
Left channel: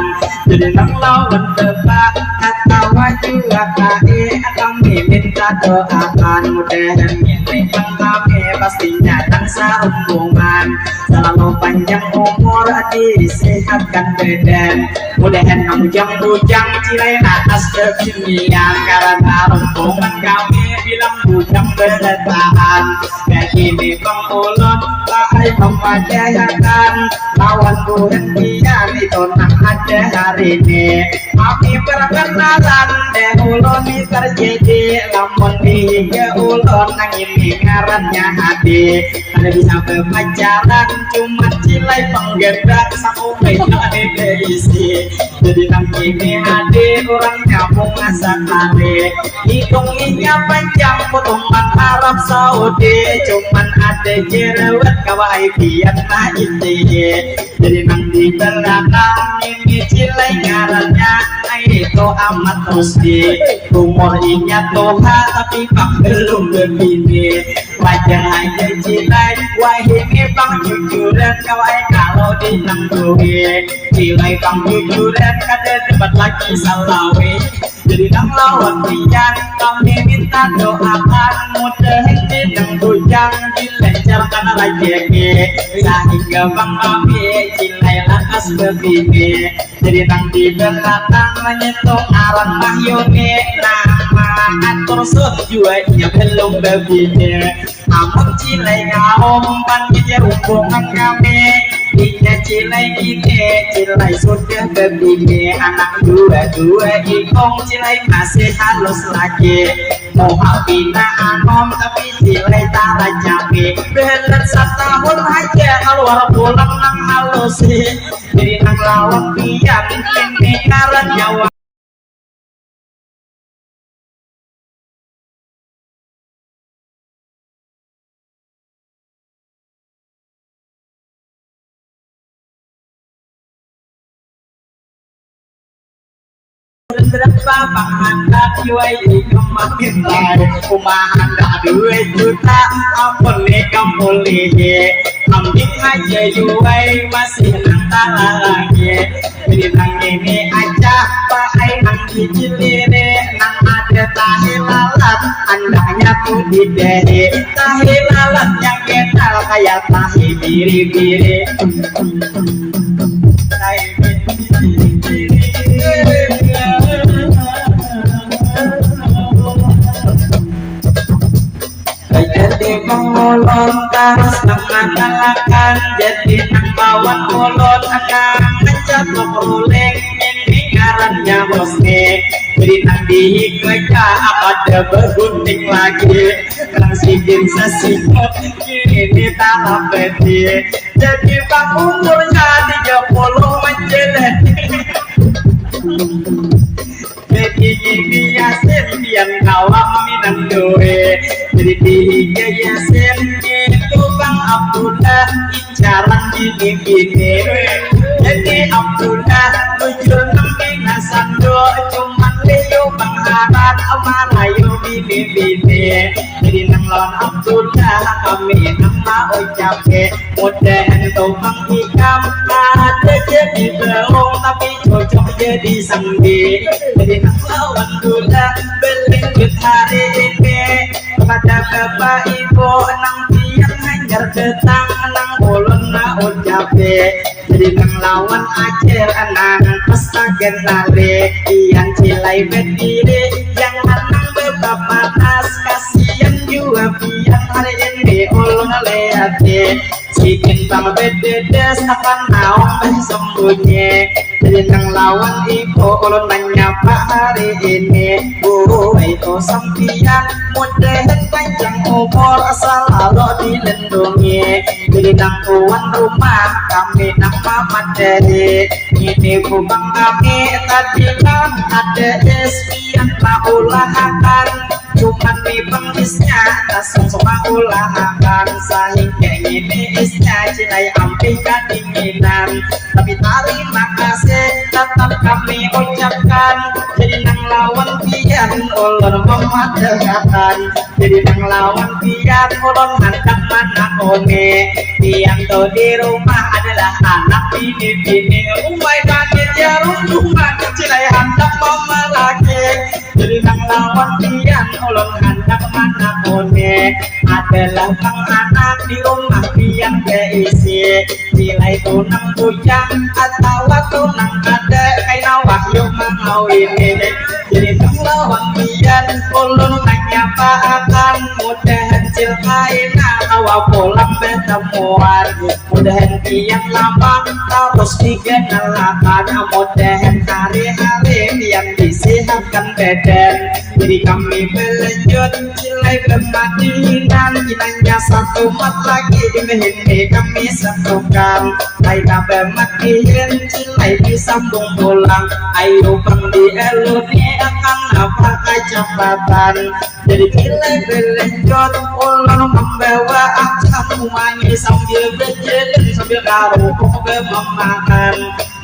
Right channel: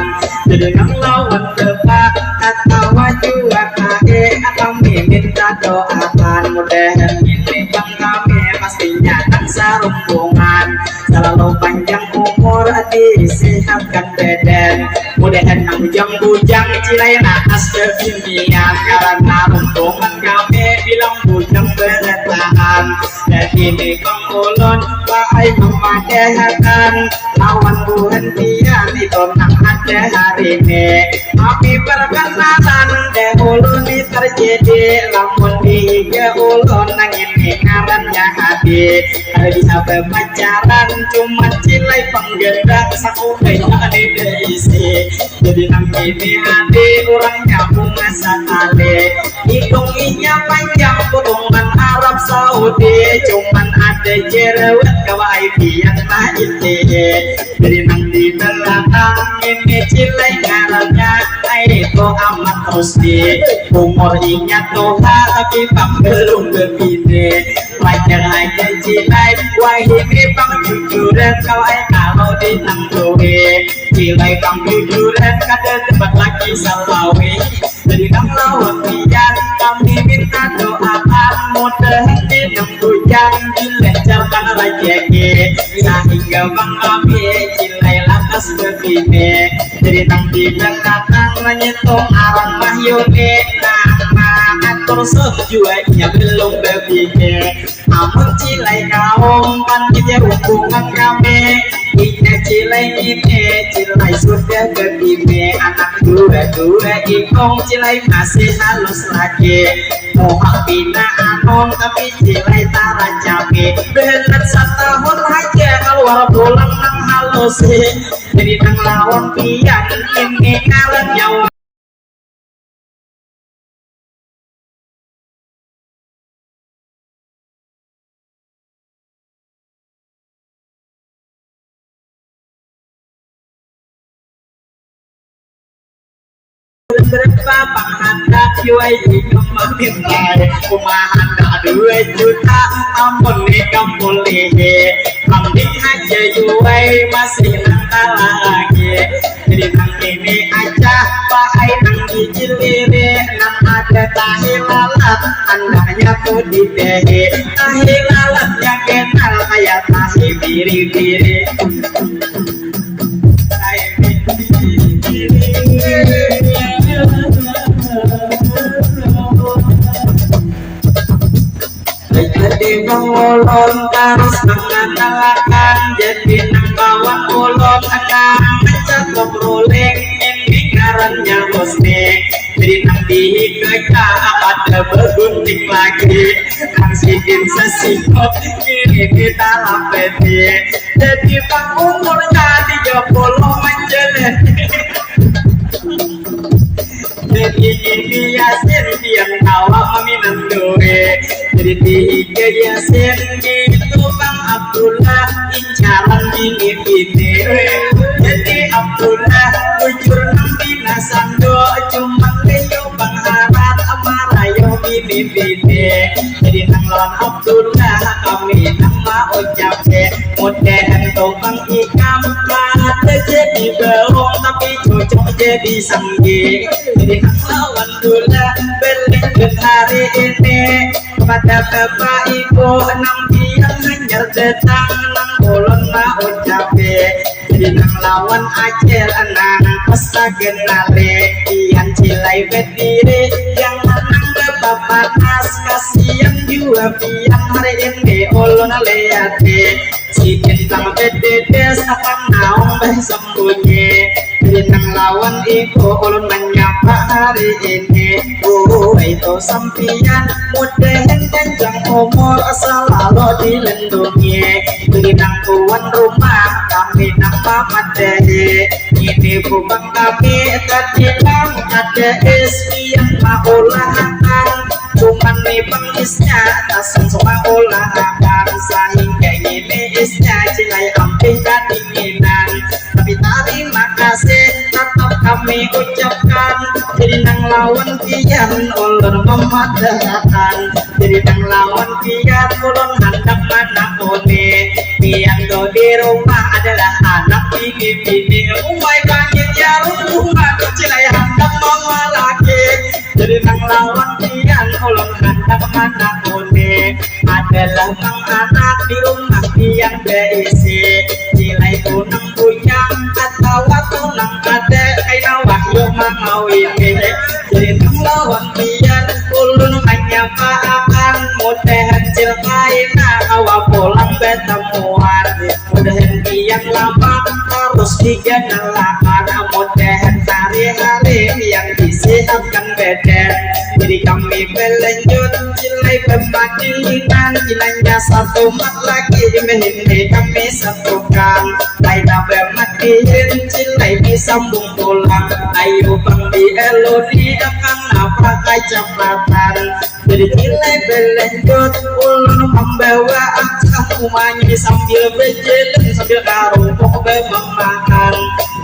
Jadi nang lawan bapak kata wajua kae kami minta doakan mudahan ini bang kami pastinya nang sarungan selalu deden mudahan bujang-bujang cilai atas kekinian karena rombongan kami bilang bujang bertahan dan ini pengulun bahai memadahkan lawan buhentian itu nak ada hari ini kami perkenalan deh ulun ini terjadi lamun di ulun nang ini ngarannya hati ada bisa berpacaran cuma cilai penggerak sakumai ada isi jadi nang ini hati orang nyambung asa kali hidungnya panjang potongan Arab Saudi cuman ada jerawat kawai biar nah itu jadi nang di belakang ini cilai ngarannya itu amat rusdi umur ingat Tuhan tapi bang belum begini wajar aja cilai wah ini bang jujuran kawai kalau ditangguhi cilai bang jujuran kada tempat lagi salawi jadi nang lawan dia kami minta doakan mudah-mudahan nang bujang dilancarkan rezeki sehingga bang kami cilai lantas begini jadi nang di belakang menyetung alam mahyuni nama atur sejuanya belum begini amun cilai kaum panggilnya hubungan kami ini cilai ini cilai sudah begini anak dua-dua ikong cilai masih halus lagi muka bina anon tapi cilai tara cabe belet 1 tahun aja keluar pulang nang halus jadi nang lawan pian ini ngaran nyawa berapa penghandak juai kemarin kumahandak 2 juta ampun kamu lihe ambing aja juai masih nanti lagi jadi nang ini aja pakai nang dijilire nang ada tahi lalat andanya tuh di dehe tahi lalatnya kenal kayak tahi biri-biri jadi mengulun terus mengandalkan jadi nang bawang ulun akan mencakup ruling ini ngarannya bosnik jadi nang dikeja ada bergunting lagi kang sigin sesikot ini di dalam peti jadi bang umurnya 30 menjelet jadi ini yasin pian kawa maminan duwe jadi tiga yasin itu bang Abdullah incaran bini-bini jadi Abdullah bujur nambina sando cuman leyo bang harat amarayo bini-bini jadi nang lawan Abdullah kami nama ucapke mudahan kau bang ikam ada jadi baung tapi cocok jadi sanggi jadi nang lawan Abdullah belengket hari ini pada bapak ibu nang biang hanya datang nang ulun na ucape jadi nang lawan ajar anak pesta genale ian cilai berdiri yang nang bapak nas kasihan juga biang hari ini ulun liate si bintang bededes akan naung bersembunyi jadi nang lawan ibu ulun menyapa hari ini itu sampian mudahan panjang umur selalu dilindungi jadi nang tuan rumah kami nama Madani ini bubang kami tadi lang ada espian na ulahakan cuman nih bang isnya tasang semua ulahakan sehingga ini isnya cilai ampih kedinginan tapi terima kasih tetap kami ucapkan jadi nang lawan pian ulur memadahkan jadi nang lawan pian ulun hendak anak one pian tuh di rumah adalah anak bini-bini umai kaget ya rumah cilai hendak mama lagi jadi nang lawan pian ulun hendak anak one adalah kang anak di rumah pian beisi cilai tunang bujang atau tunang ngawini jadi nang lawan pian ulun menyapa akan mudahan cilmaina awa pulang betemuan mudahan pian lama terus digenalakan mudahan hari-hari yang disehatkan badan jadi kami melanjut cilai pemadinan jinanya satu mat lagi mehin kami satukan lain pemadinan cilai disambung pulang ayo bang di eluni akan apa kecepatan jadi cilai melanjut ulun membawa aksan umanya sambil berjalan sambil karupuk memakan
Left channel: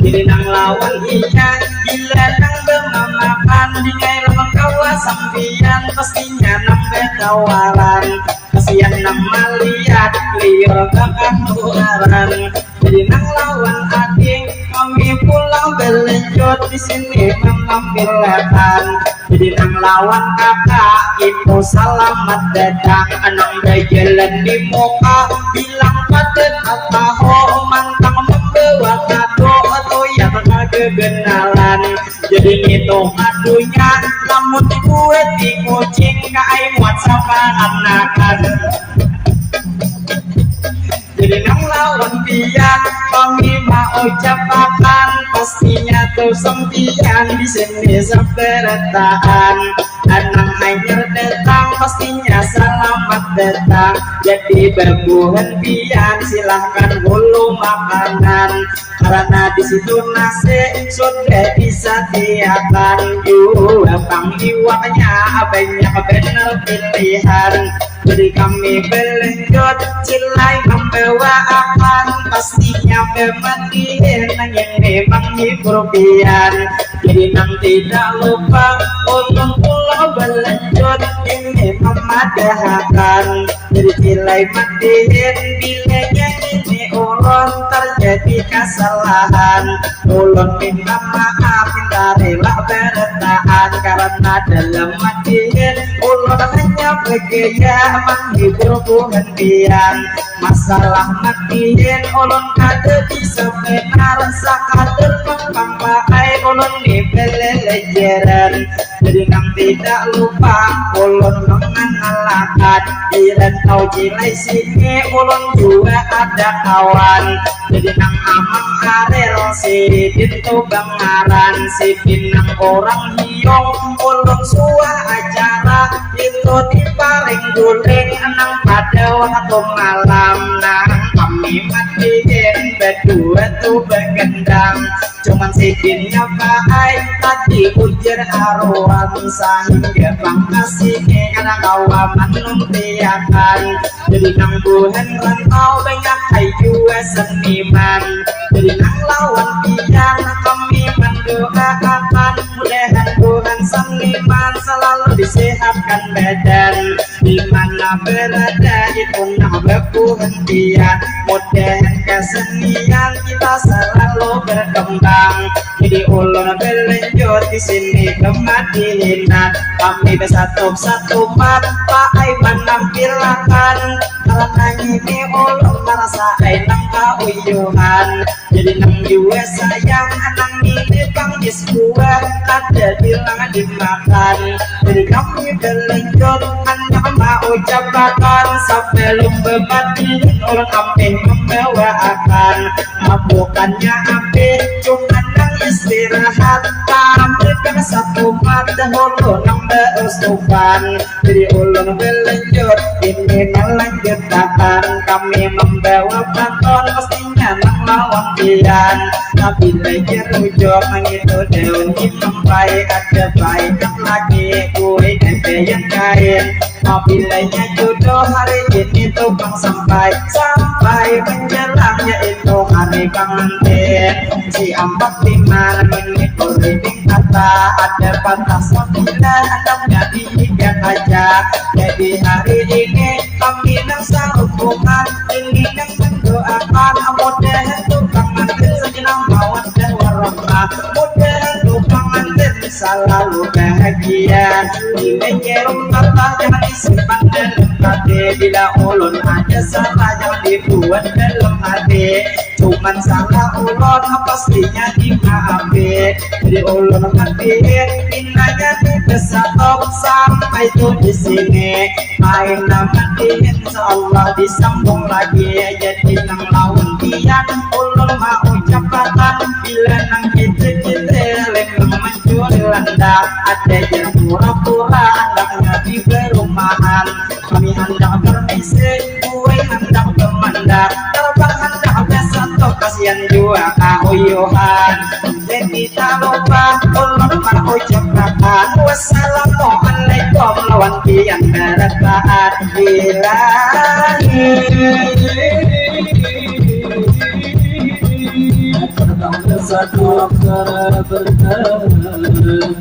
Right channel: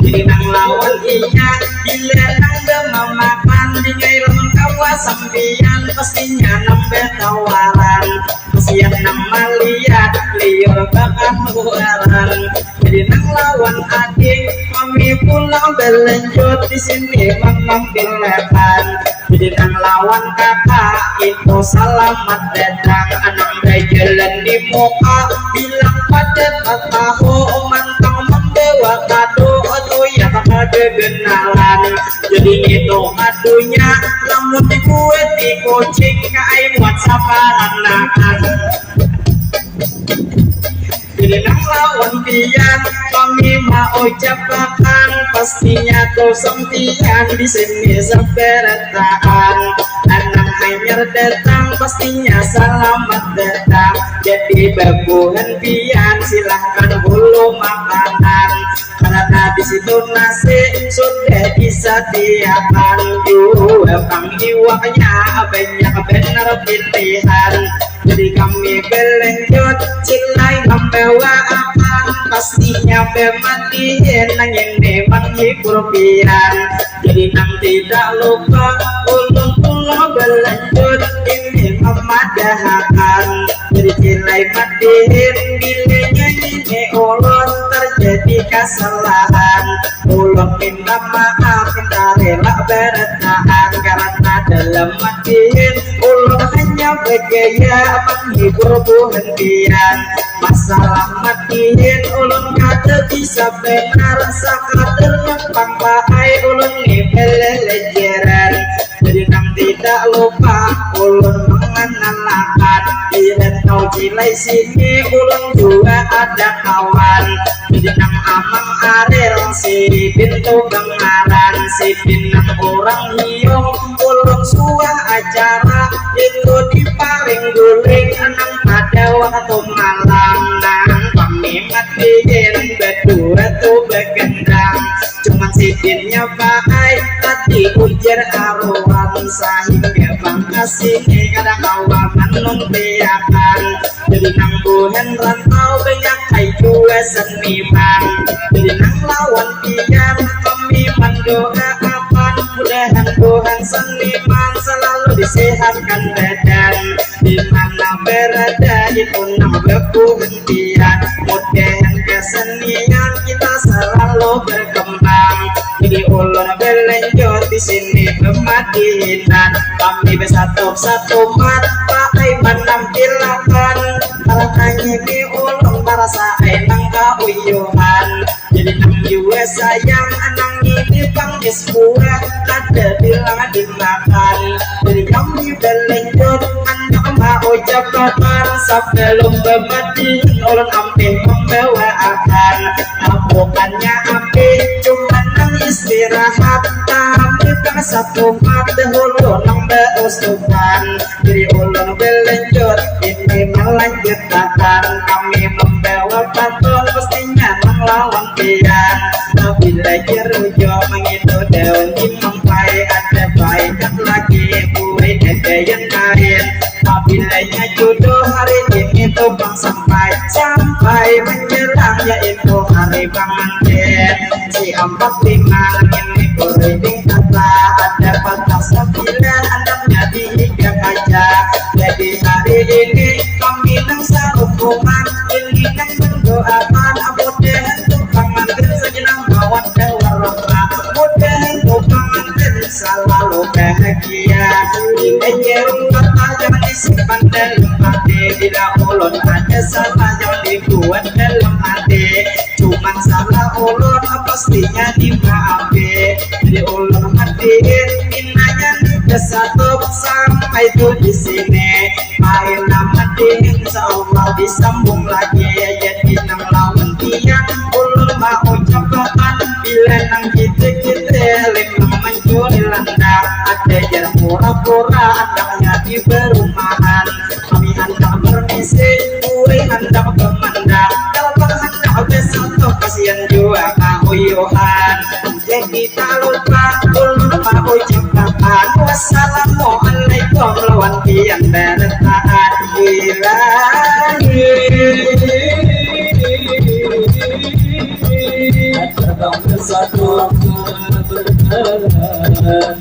jadi nang lawan iya bila nang memakan dingai lemang kawasan sampian pastinya nambah tawaran kasihan nama lihat liur kekanuaran jadi nang lawan adik kami pulang belanjut di sini mengambilkan jadi nang lawan kakak itu selamat datang anang berjalan di muka bilang pada tahu mantang membawa kado atau ya tak ada kenalan jadi itu kadonya namun dibuat di kucing kai muat sama anakan jadi nang lawan pian kami mau ucapkan pastinya tuh sempian di sini seberatan anang hanyar datang pastinya selamat datang jadi babuhan pian silahkan bulu makanan karena di situ nasi sudah disediakan juga panggiwanya banyak benar pilihan jadi kami belanjut cilai membawa akan pastinya pematian yang memang hibur pian jadi nang tidak lupa ulun pulau belanjut ini memadahakan jadi cilai matihin bilanya ini ulun terjadi kesalahan ulun minta maaf minta rela bertahan karena dalam matihin ulun hanya bergaya menghibur buhantian masalah matihin ulun kata bisa benar sakatur numpang bahai ulun nipelelejeran jadi nang tidak lupa ulun mengenalkan iran tau cilai sini ulun juga ada kawan jadi nang amang arel si din tu bangaran si din nang orang hiong ulun suah acara itu diparing guling nang pada waktu malam nang kami matiin berdua tu begendang cuman si dinnya baik tadi ujar haruan sehingga pangkasih ada kawaman numpiakan jadi nang buhan rantau banyak kayu seniman jadi nang lawan pian kami mendoakan mudahan Tuhan seniman selalu disehatkan badan di mana berada itu nama buhantian mudahan kesenian kita selalu berkembang jadi ulun belanjut di sini kematinan kami bersatu mat pakai menampilakan karena ini ulun merasa enang kauyuhan jadi nang juga sayang anang ini panggis buah ada bilang dimakan jadi kami belanjut anak mau ucapkan sebelum bermati ulun ampe membawa akan bukannya ampe cuma nang istirahat kami kena satu mata hulu nang berusukan jadi ulun belanjut ini melanjutkan kami membawa paton pastinya nang lawan pian bila jerujo mengitu daun imampai ada baikan lagi kue ete yang kain apabila jodoh hari ini tuh bang sampai menjelang yaitu hari pengantin si 45 ini kuring kata ada patah sabila hendaknya diikat aja jadi hari ini kami nang sarungan ini nang mendoakan mudahan tuh pengantin sejenak mawaddah warahmah mudahan tuh pengantin selalu bahagia ini ngerung kata jangan disimpan dalam hati bila ulun ada salah jangan dibuat dalam hati cuma cuman salah ulun pastinya dimaafin. Jadi ulun matiin pinanya kesatop sampai tuh di sini. Main matiin insyaallah disambung lagi. Jadi nang lawan tian ulun mau ucapkan bila nang kita leng nang mencuri landak. Ada yang pura-pura andaknya di perumahan. Kami hendak permisi, gue hendak bermanda. Terbang hendak besok kasihan juga kahuyuhan. Jadi tak lupa ulun mau ucapkan wassalamualaikum lawan kian bertaat ilahi. Terbang bersatu karena bertahan.